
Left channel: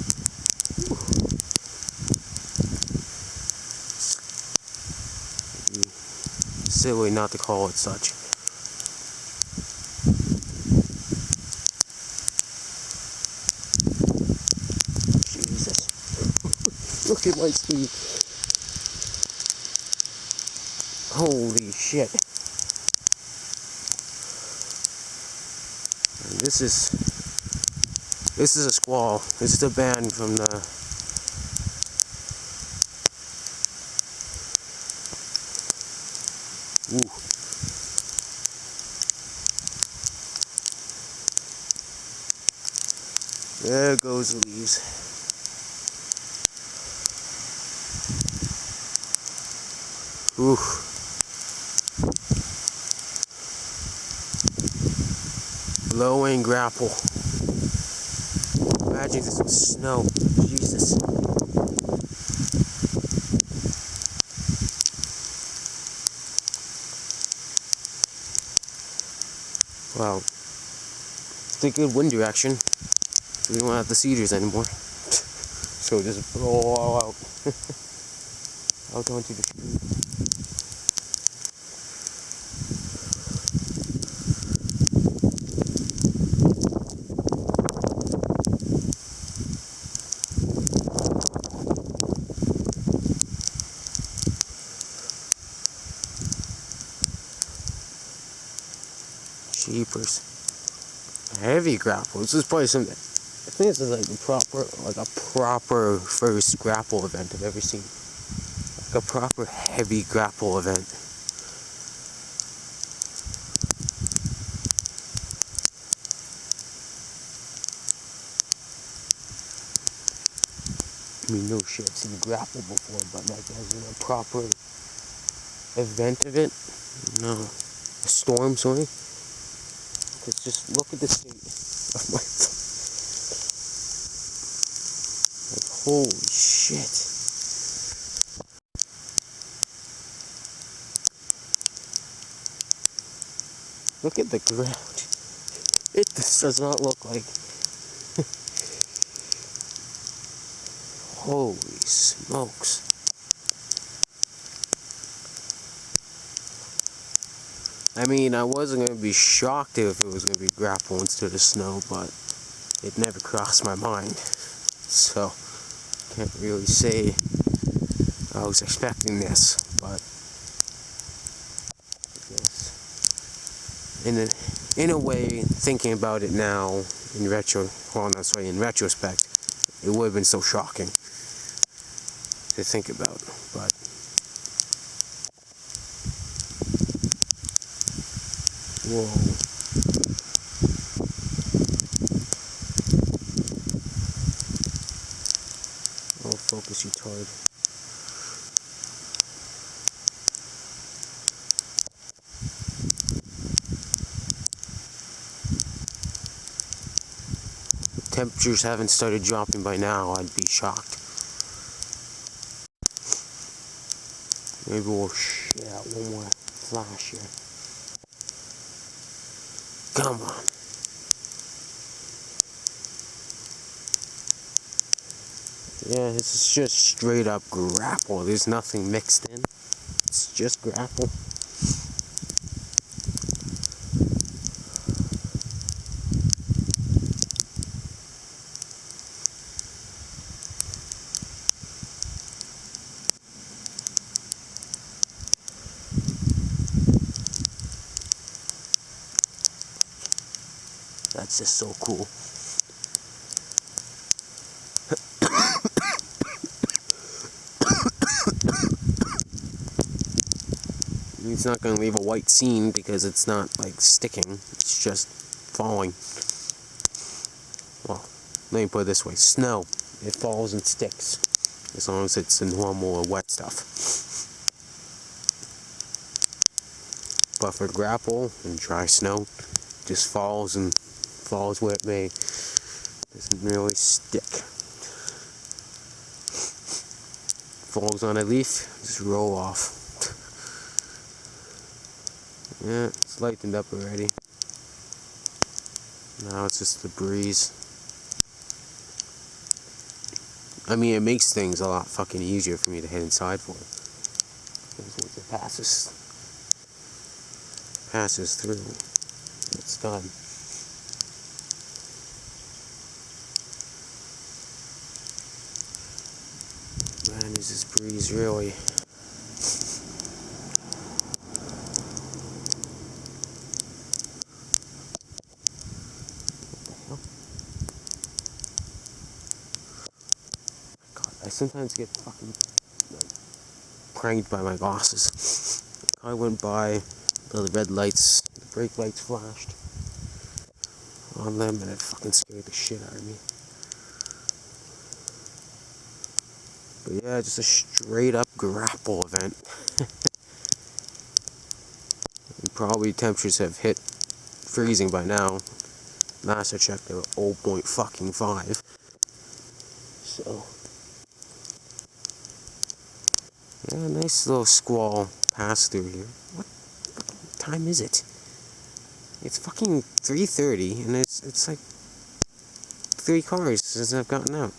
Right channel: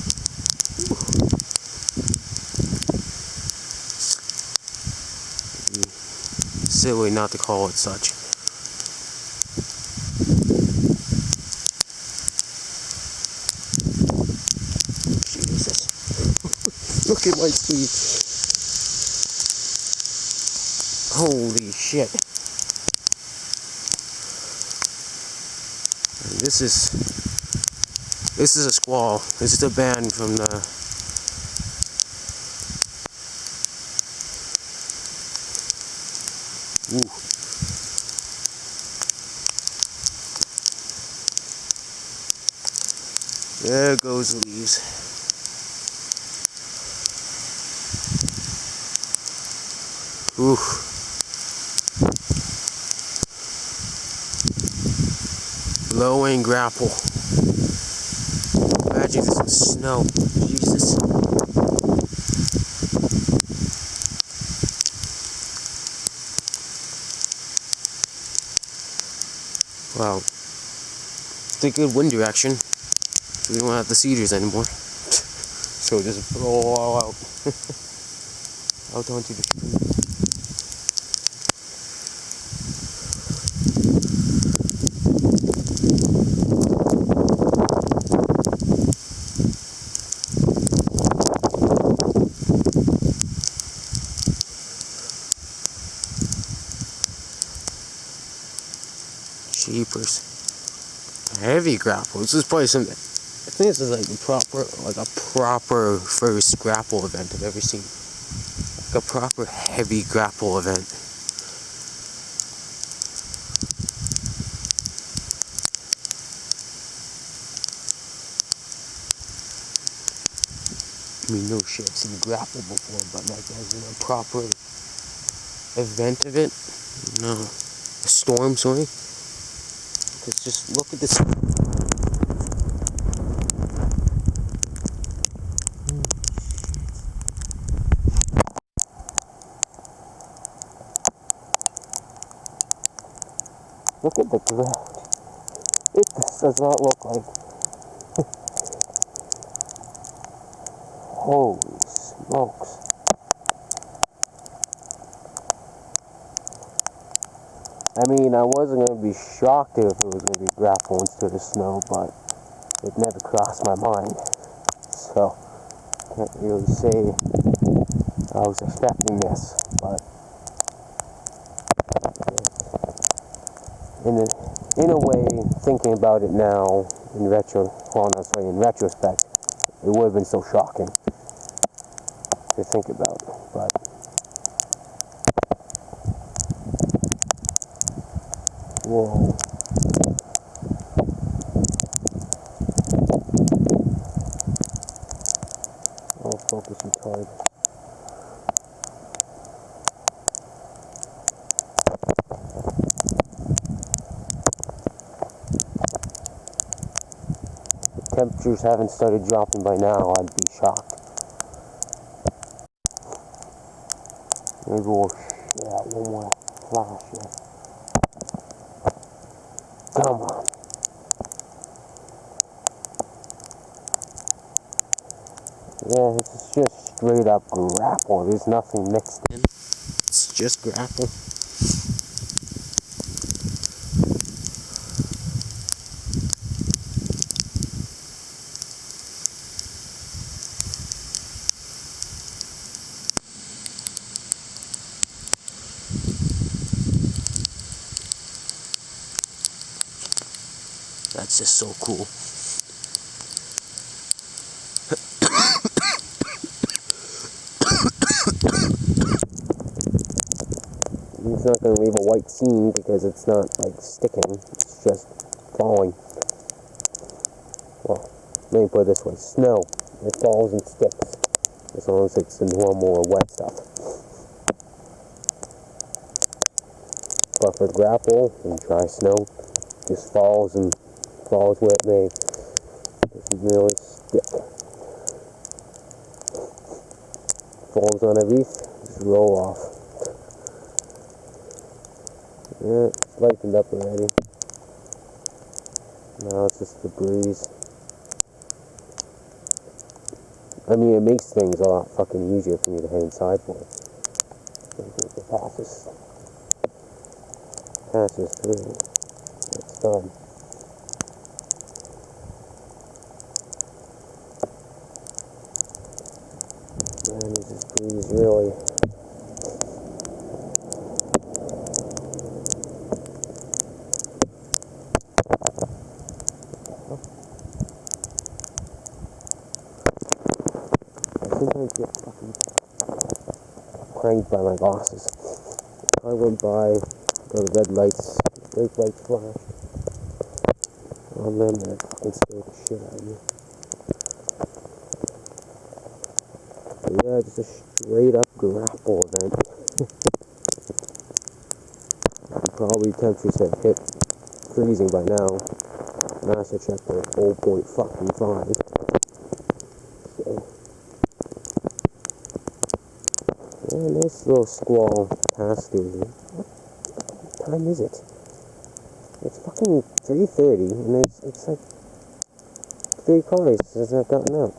Silly not to call it such. Jesus. Look at my speed. Holy shit. This is a squall. This is a band from the There goes the leaves. Oof. Blowing grapple. Imagine this was snow. Jesus. Wow. It's a good wind direction. We don't have the cedars anymore. So just blow all out. Out onto the street. Jeepers. Heavy grapple. This is probably something. I think this is like a proper first grapple event I've ever seen. Like a proper heavy grapple event. I mean, no shit, I've seen grapple before, but like as in a proper event of it, no. A storm, sorry. Because just look at this. Holy shit. Look at the ground. It just does not look like. Holy smokes. I mean, I wasn't going to be shocked if it was going to be grapple instead of snow, but it never crossed my mind. So, can't really say I was expecting this, but yes. In a way, thinking about it now, in retrospect, it would have been so shocking to think about, but whoa. I'll focus you toward. If temperatures haven't started dropping by now, I'd be shocked. Maybe we'll shit out one more flash here. Come on. Yeah, this is just straight up grapple. There's nothing mixed in. It's just grapple. That's just so cool. It's not going to leave a white seam because it's not like sticking, it's just falling. Well, let me put it this way, snow, it falls and sticks as long as it's the normal wet stuff. But for grapple and dry snow, it just falls and falls where it may. It doesn't really stick. Falls on a leaf, just roll off. Yeah, it's lightened up already. Now it's just the breeze. I mean, it makes things a lot fucking easier for me to head inside for. Because once it passes through, it's done. Man, is this breeze really... trying to get fucking pranked by my bosses. I went by, the red lights, the brake lights flashed on them, and it fucking scared the shit out of me. But yeah, just a straight up grapple event. Probably temperatures have hit freezing by now. Last I checked, they're 0.5. So, yeah, nice little squall passed through here. What time is it? It's fucking 3:30, and it's like 3 cars since I've gotten out.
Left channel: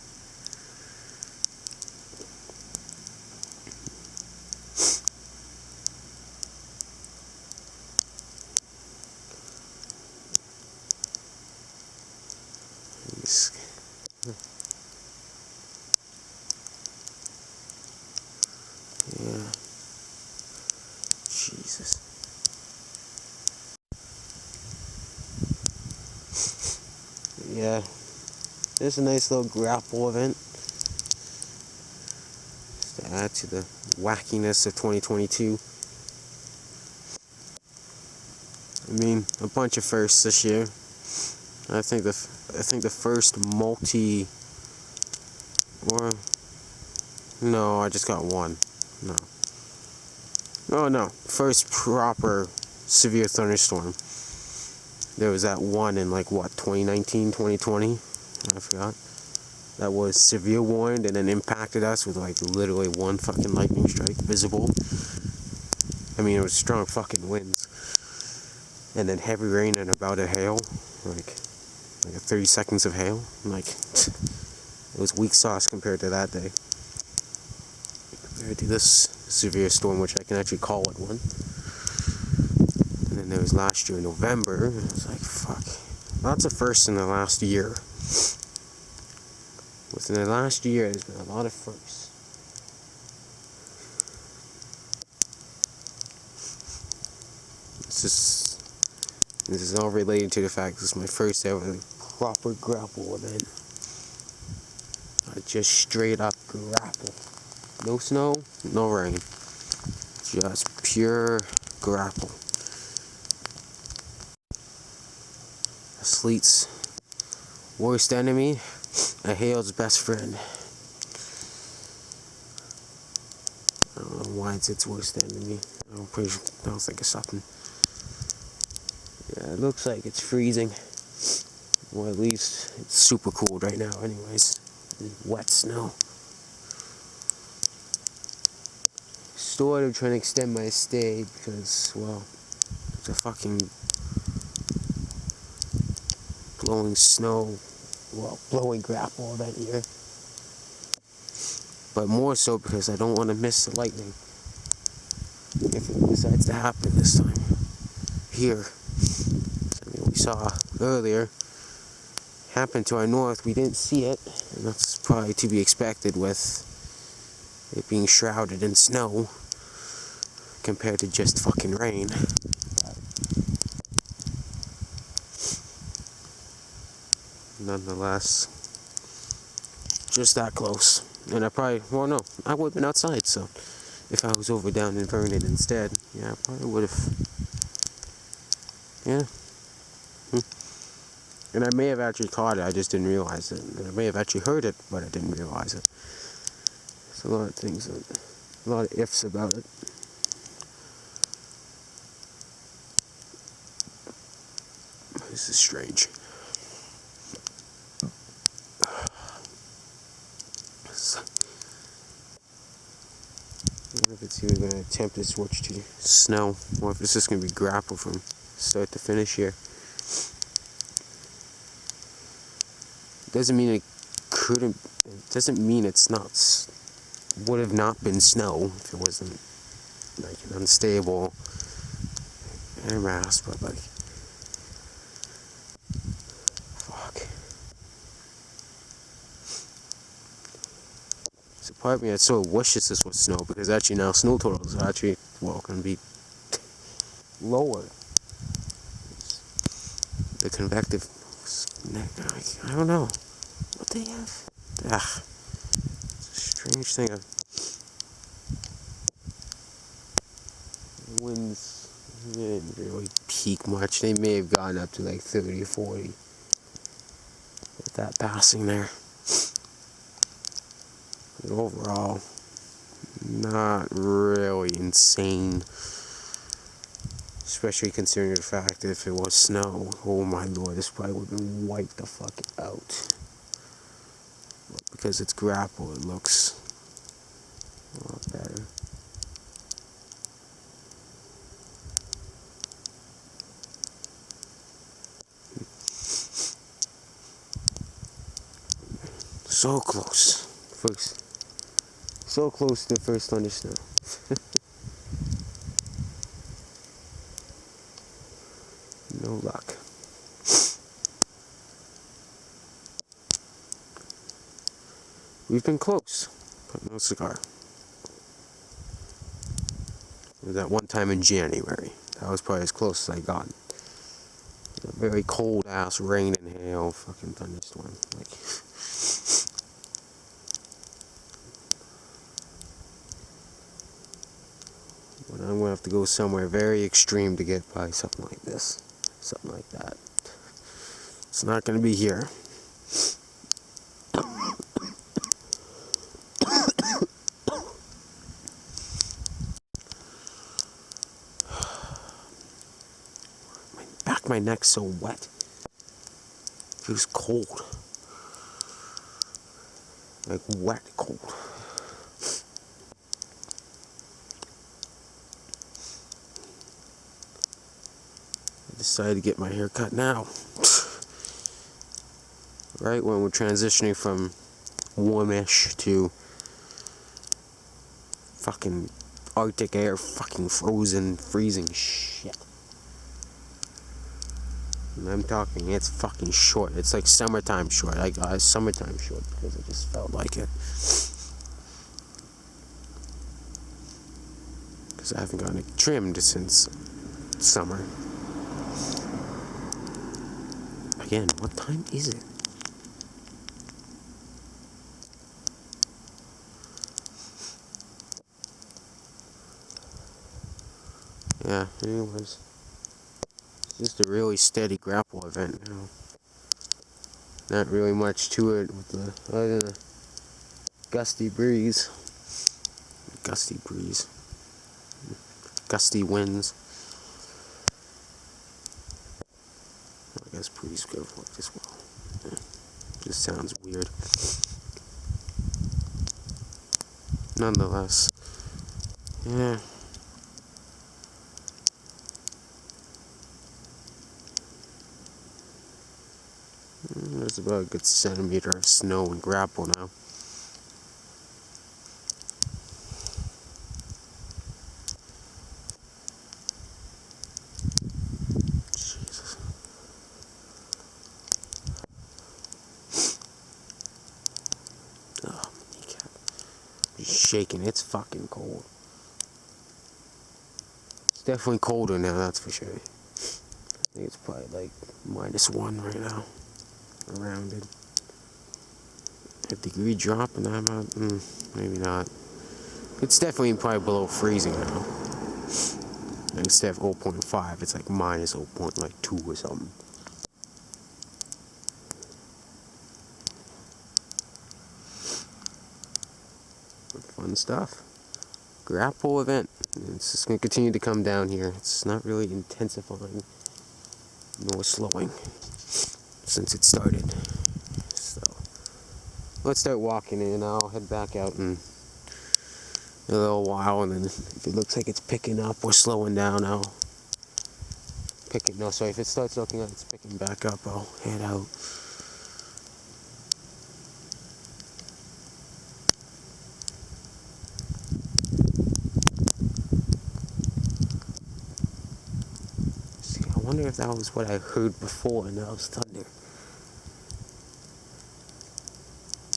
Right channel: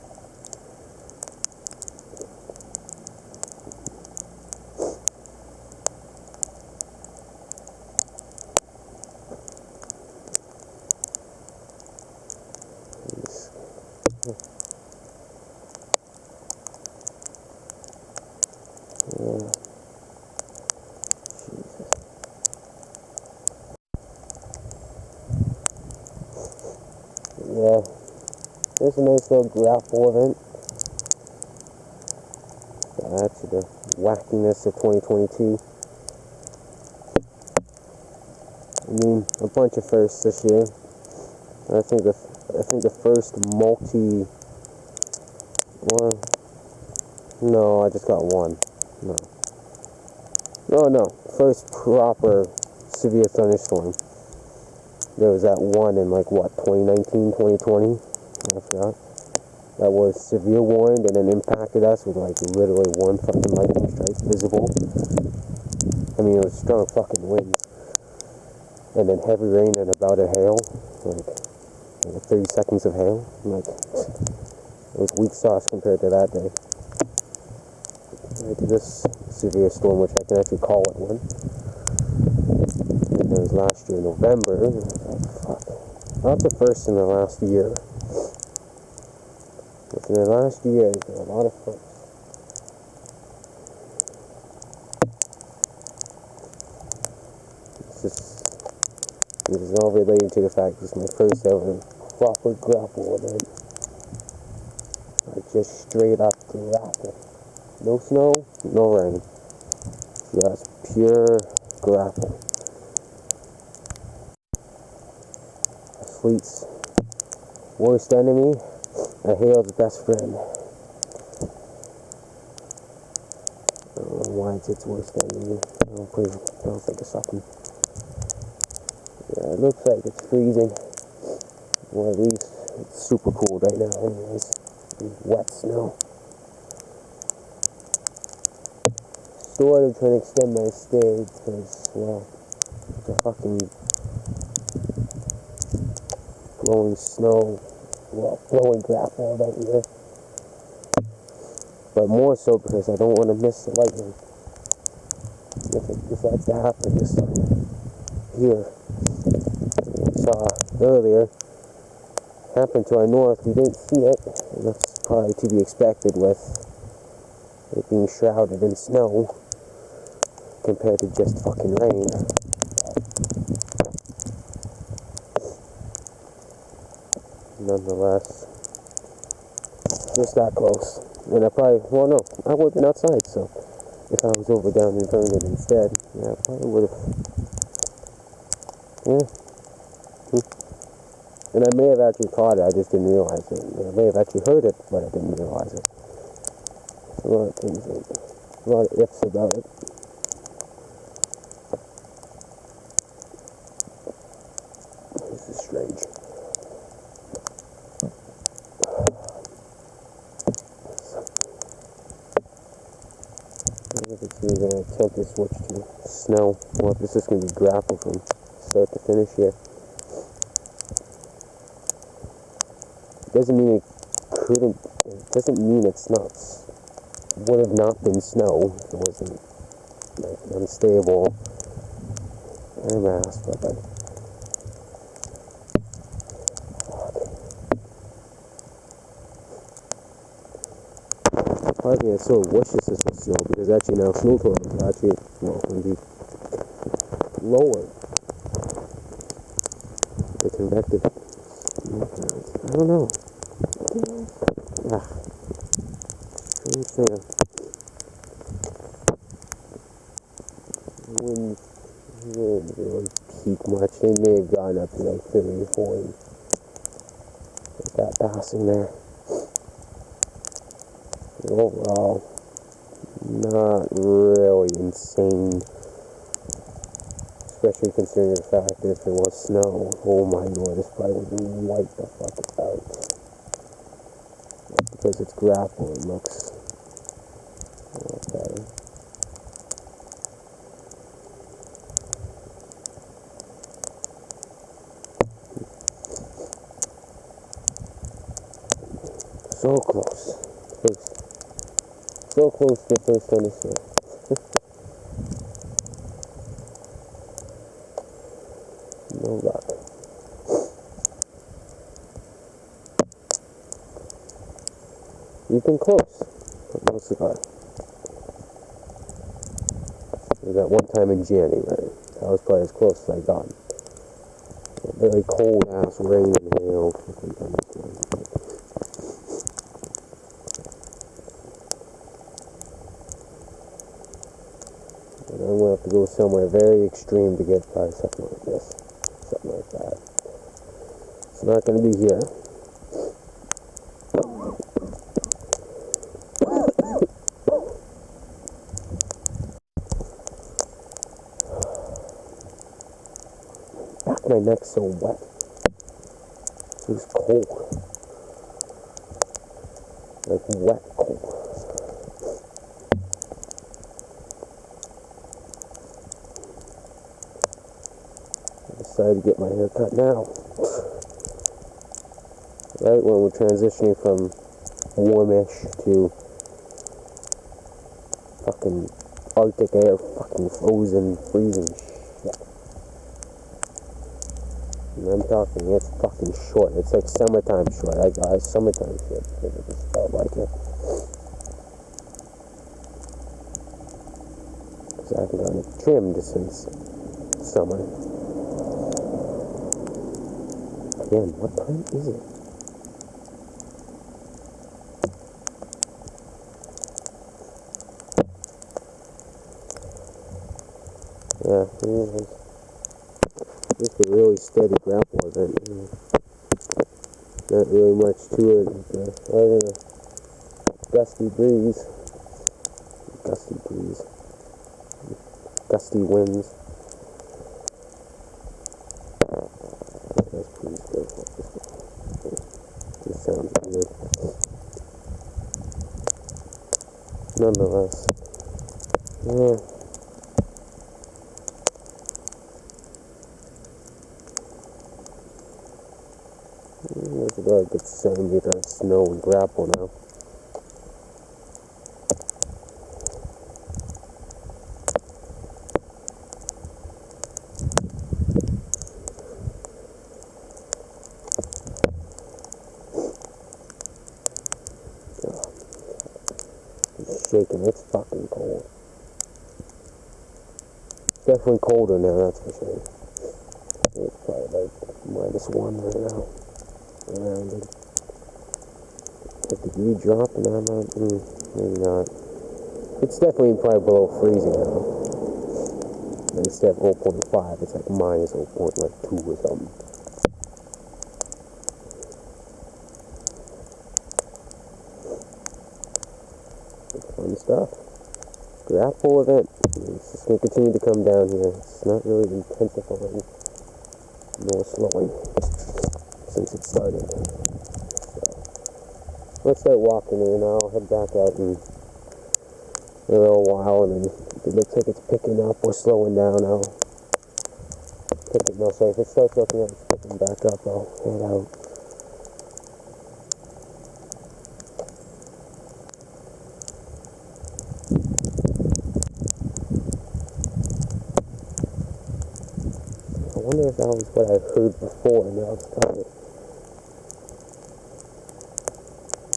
Yeah. Jesus. Yeah. There's a nice little grapple event. Just to add to the wackiness of 2022. I mean, a bunch of firsts this year. I think the first no, I just got one. No. Oh no, first proper severe thunderstorm. There was that one in 2019, 2020? I forgot. That was severe warned and then impacted us with literally one fucking lightning strike visible. I mean, it was strong fucking winds. And then heavy rain and about a hail. Like 30 seconds of hail. It was weak sauce compared to that day. Compared to this severe storm, which I can actually call it one. And then there was last year in November. It was like, fuck. Lots of firsts in the last year. Within the last year, there's been a lot of firsts. This is all related to the fact this is my first ever proper grapple event. I just straight up grapple. No snow, no rain. Just pure grapple. Sleet's worst enemy, a hail's best friend. I don't know why it's its worst enemy. I don't think it's something. Yeah, it looks like it's freezing. Well, at least it's super cold right now anyways. Wet snow. Sort of trying to extend my stay because, well, it's a fucking blowing snow, blowing grapple event here. But more so because I don't want to miss the lightning if it decides to happen this time. Here. Something we saw earlier happened to our north. We didn't see it, and that's probably to be expected with it being shrouded in snow compared to just fucking rain. Nonetheless, just that close. And I probably, well, no, I would have been outside, so if I was over down in Vernon instead, yeah, I probably would have, yeah. And I may have actually caught it, I just didn't realize it. And I may have actually heard it, but I didn't realize it. There's a lot of things, a lot of ifs about it. This is strange. I don't know if it's even going to attempt to switch to snow, or if it's just going to be grapple from start to finish here. Doesn't mean it couldn't. It doesn't mean it's not. Would have not been snow if it wasn't an unstable air mass, but fuck. So probably it's so wishes this was snow because actually now snow totals are actually going to be lower. The convective. I don't know. What they have? strange thing. Winds didn't really peak much. They may have gone up to like 30, 40 with that passing there. But overall, not really insane. Especially considering the fact that if it was snow, oh my lord, this probably would have been wiped the fuck out. Because it's Graupel, it looks a lot better. So close. So close to the first thunderstorm. No luck. We've been close, but no cigar. That one time in January, that was probably as close as I got. A very cold ass rain and hail fucking thunderstorm. But I'm gonna have to go somewhere very extreme to get by something like this. Something like that. It's not gonna be here. My neck's so wet. It was cold. Like wet cold. I decided to get my hair cut now. Right when we're transitioning from warmish to fucking Arctic air, fucking frozen, freezing shit. I'm talking, it's fucking short. It's like summertime short. I got a summertime short because I just felt like it. Because I haven't gotten it trimmed since summer. Again, what time is it? Yeah, anyways. Just a really steady Graupel event, you know. Not really much to it with the other than a gusty breeze. Gusty winds. I guess pre-squall as well. Yeah. Just sounds weird. Nonetheless. Yeah. There's about a good centimeter of snow in Graupel now. Jesus. Oh, he's shaking. It's fucking cold. It's definitely colder now, that's for sure. I think it's probably like -1 right now. Around it. 50-degree drop and I'm out. Maybe not. It's definitely probably below freezing now. Like it's definitely 0.5. It's like -0.2 or something. Fun stuff. Graupel event. It's just going to continue to come down here. It's not really intensifying, nor slowing since it started. So let's start walking in. I'll head back out in a little while, and then if it looks like it's picking up or slowing down, I'll pick it. No, sorry. If it starts looking like it's picking back up, I'll head out. See, I wonder if that was what I heard before, and that was thunder.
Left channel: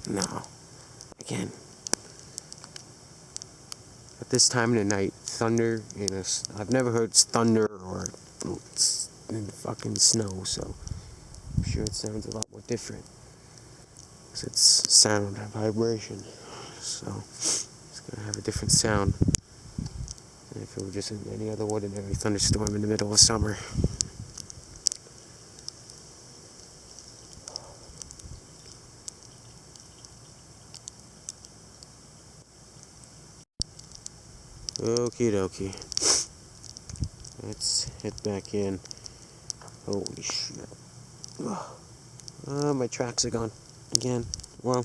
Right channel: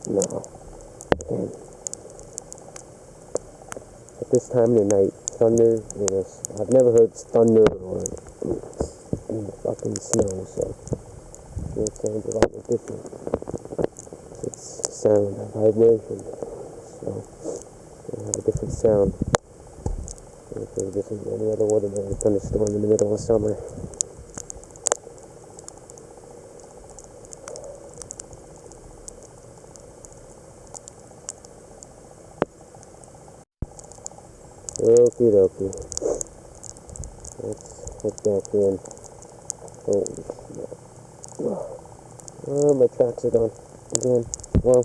No. Again. At this time of the night, thunder, I've never heard thunder or in the fucking snow, so I'm sure it sounds a lot more different. Because it's sound and vibration. so it's gonna have a different sound than if it were just any other ordinary thunderstorm in the middle of summer. Okie dokie. Let's head back in. Holy shit. Oh, my tracks are gone again. Well,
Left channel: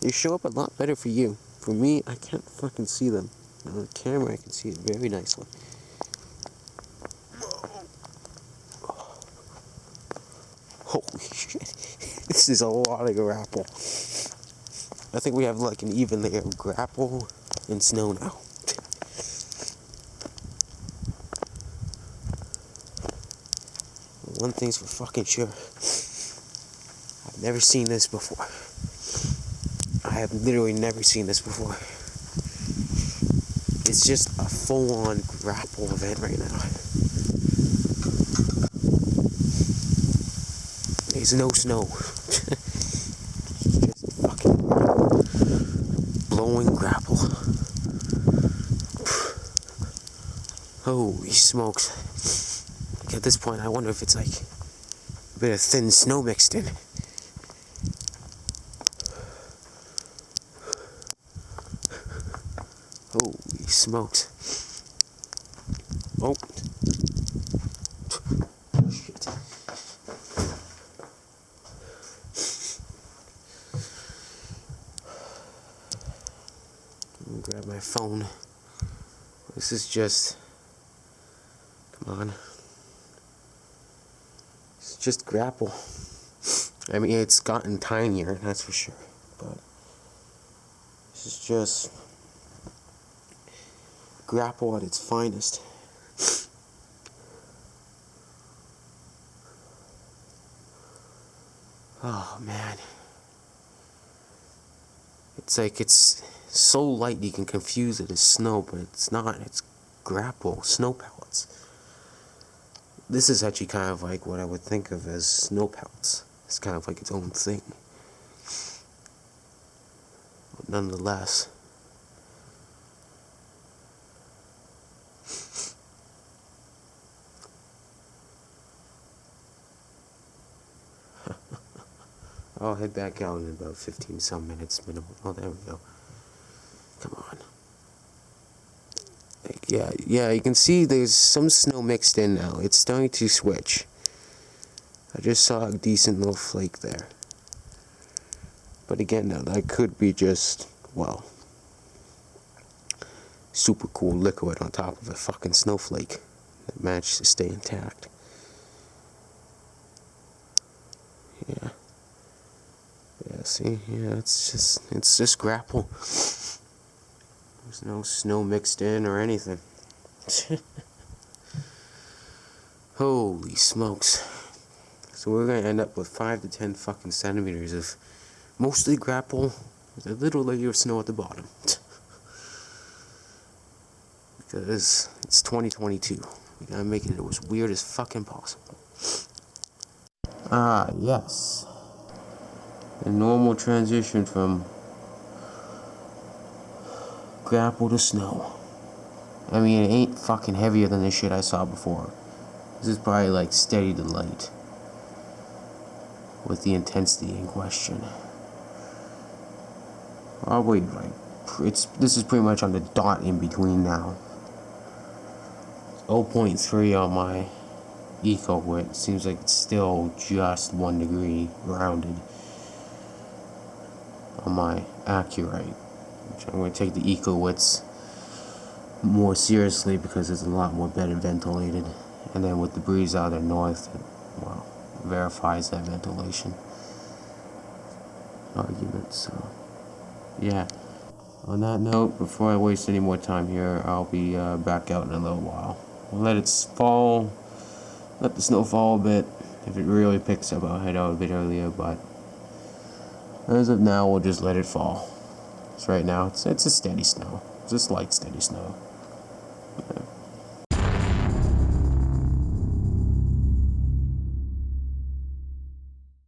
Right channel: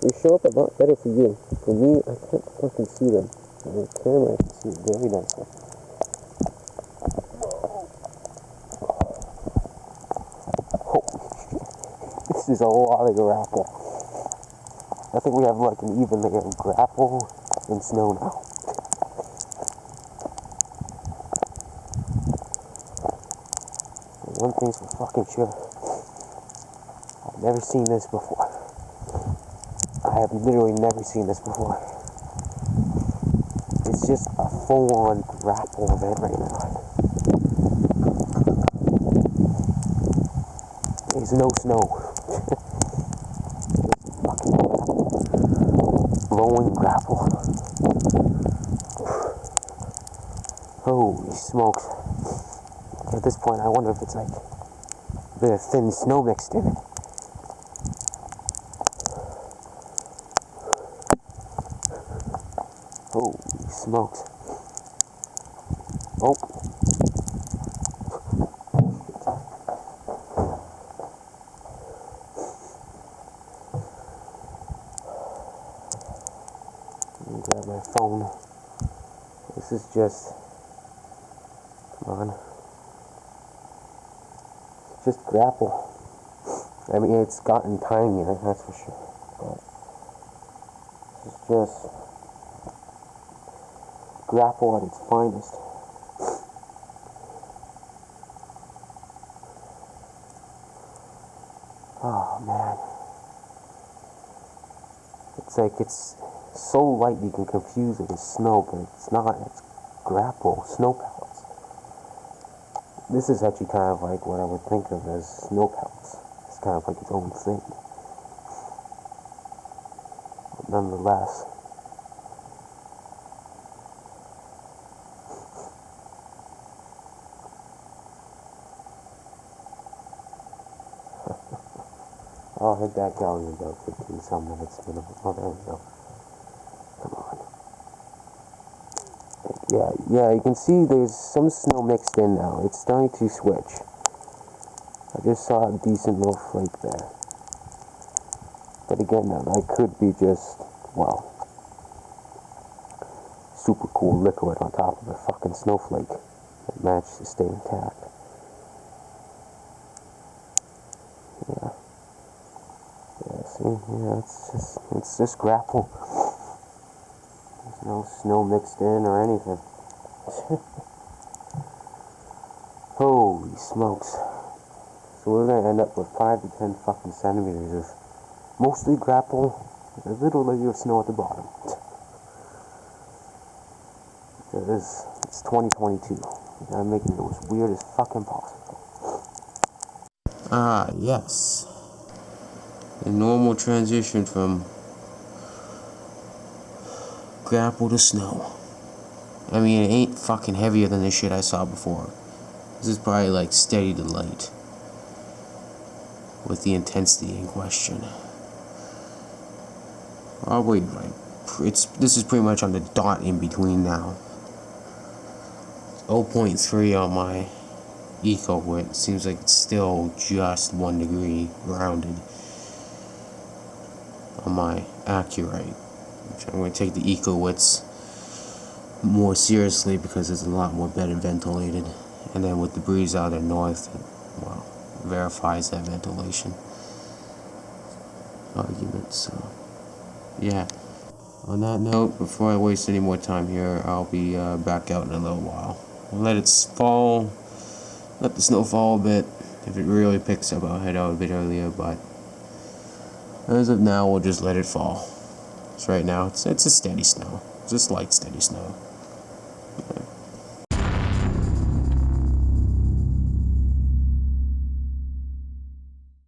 they show up a lot better for you. For me, I can't fucking see them. On the camera, I can see it very nicely. Holy shit. This is a lot of grapple. I think we have like an even layer of grapple and snow now. One thing's for fucking sure. I've never seen this before. I have literally never seen this before. It's just a full-on grapple event right now. There's no snow. It's just fucking blowing grapple. Holy smokes. At this point, I wonder if it's like a bit of thin snow mixed in. Holy smokes. Oh. Shit. Let me grab my phone. This is just... Come on. It's just grapple. I mean, it's gotten tinier, that's for sure. But this is just grapple at its finest. Oh man. It's like it's so light you can confuse it as snow, but it's not. It's grapple, snow pellets. This is actually kind of like what I would think of as snow pellets. It's kind of like its own thing. But nonetheless. I'll head back out in about 15 some minutes minimum. Oh, there we go. Come on. Yeah, you can see there's some snow mixed in now. It's starting to switch. I just saw a decent little flake there. But again, now that could be just, well, super cool liquid on top of a fucking snowflake that managed to stay intact. Yeah. Yeah, see, yeah, it's just grapple. There's no snow mixed in or anything. Holy smokes. So we're gonna end up with 5 to 10 fucking centimeters of mostly grapple with a little layer of snow at the bottom. Because it's 2022. We gotta make it as weird as fucking possible. Ah, yes. The normal transition from grapple to snow. I mean, it ain't fucking heavier than the shit I saw before. This is probably like steady to light with the intensity in question. Probably like this is pretty much on the dot in between now. 0.3 on my eco wit. Seems like it's still just 1 degree rounded on my accurate. Which I'm going to take the eco wits more seriously because it's a lot more better ventilated, and then with the breeze out of the north, it, well, verifies that ventilation argument. So yeah, on that note, before I waste any more time here, I'll be back out in a little while. I'll let it fall, let the snow fall a bit. If it really picks up, I'll head out a bit earlier, but as of now, we'll just let it fall. So right now, it's a steady snow, just light steady snow.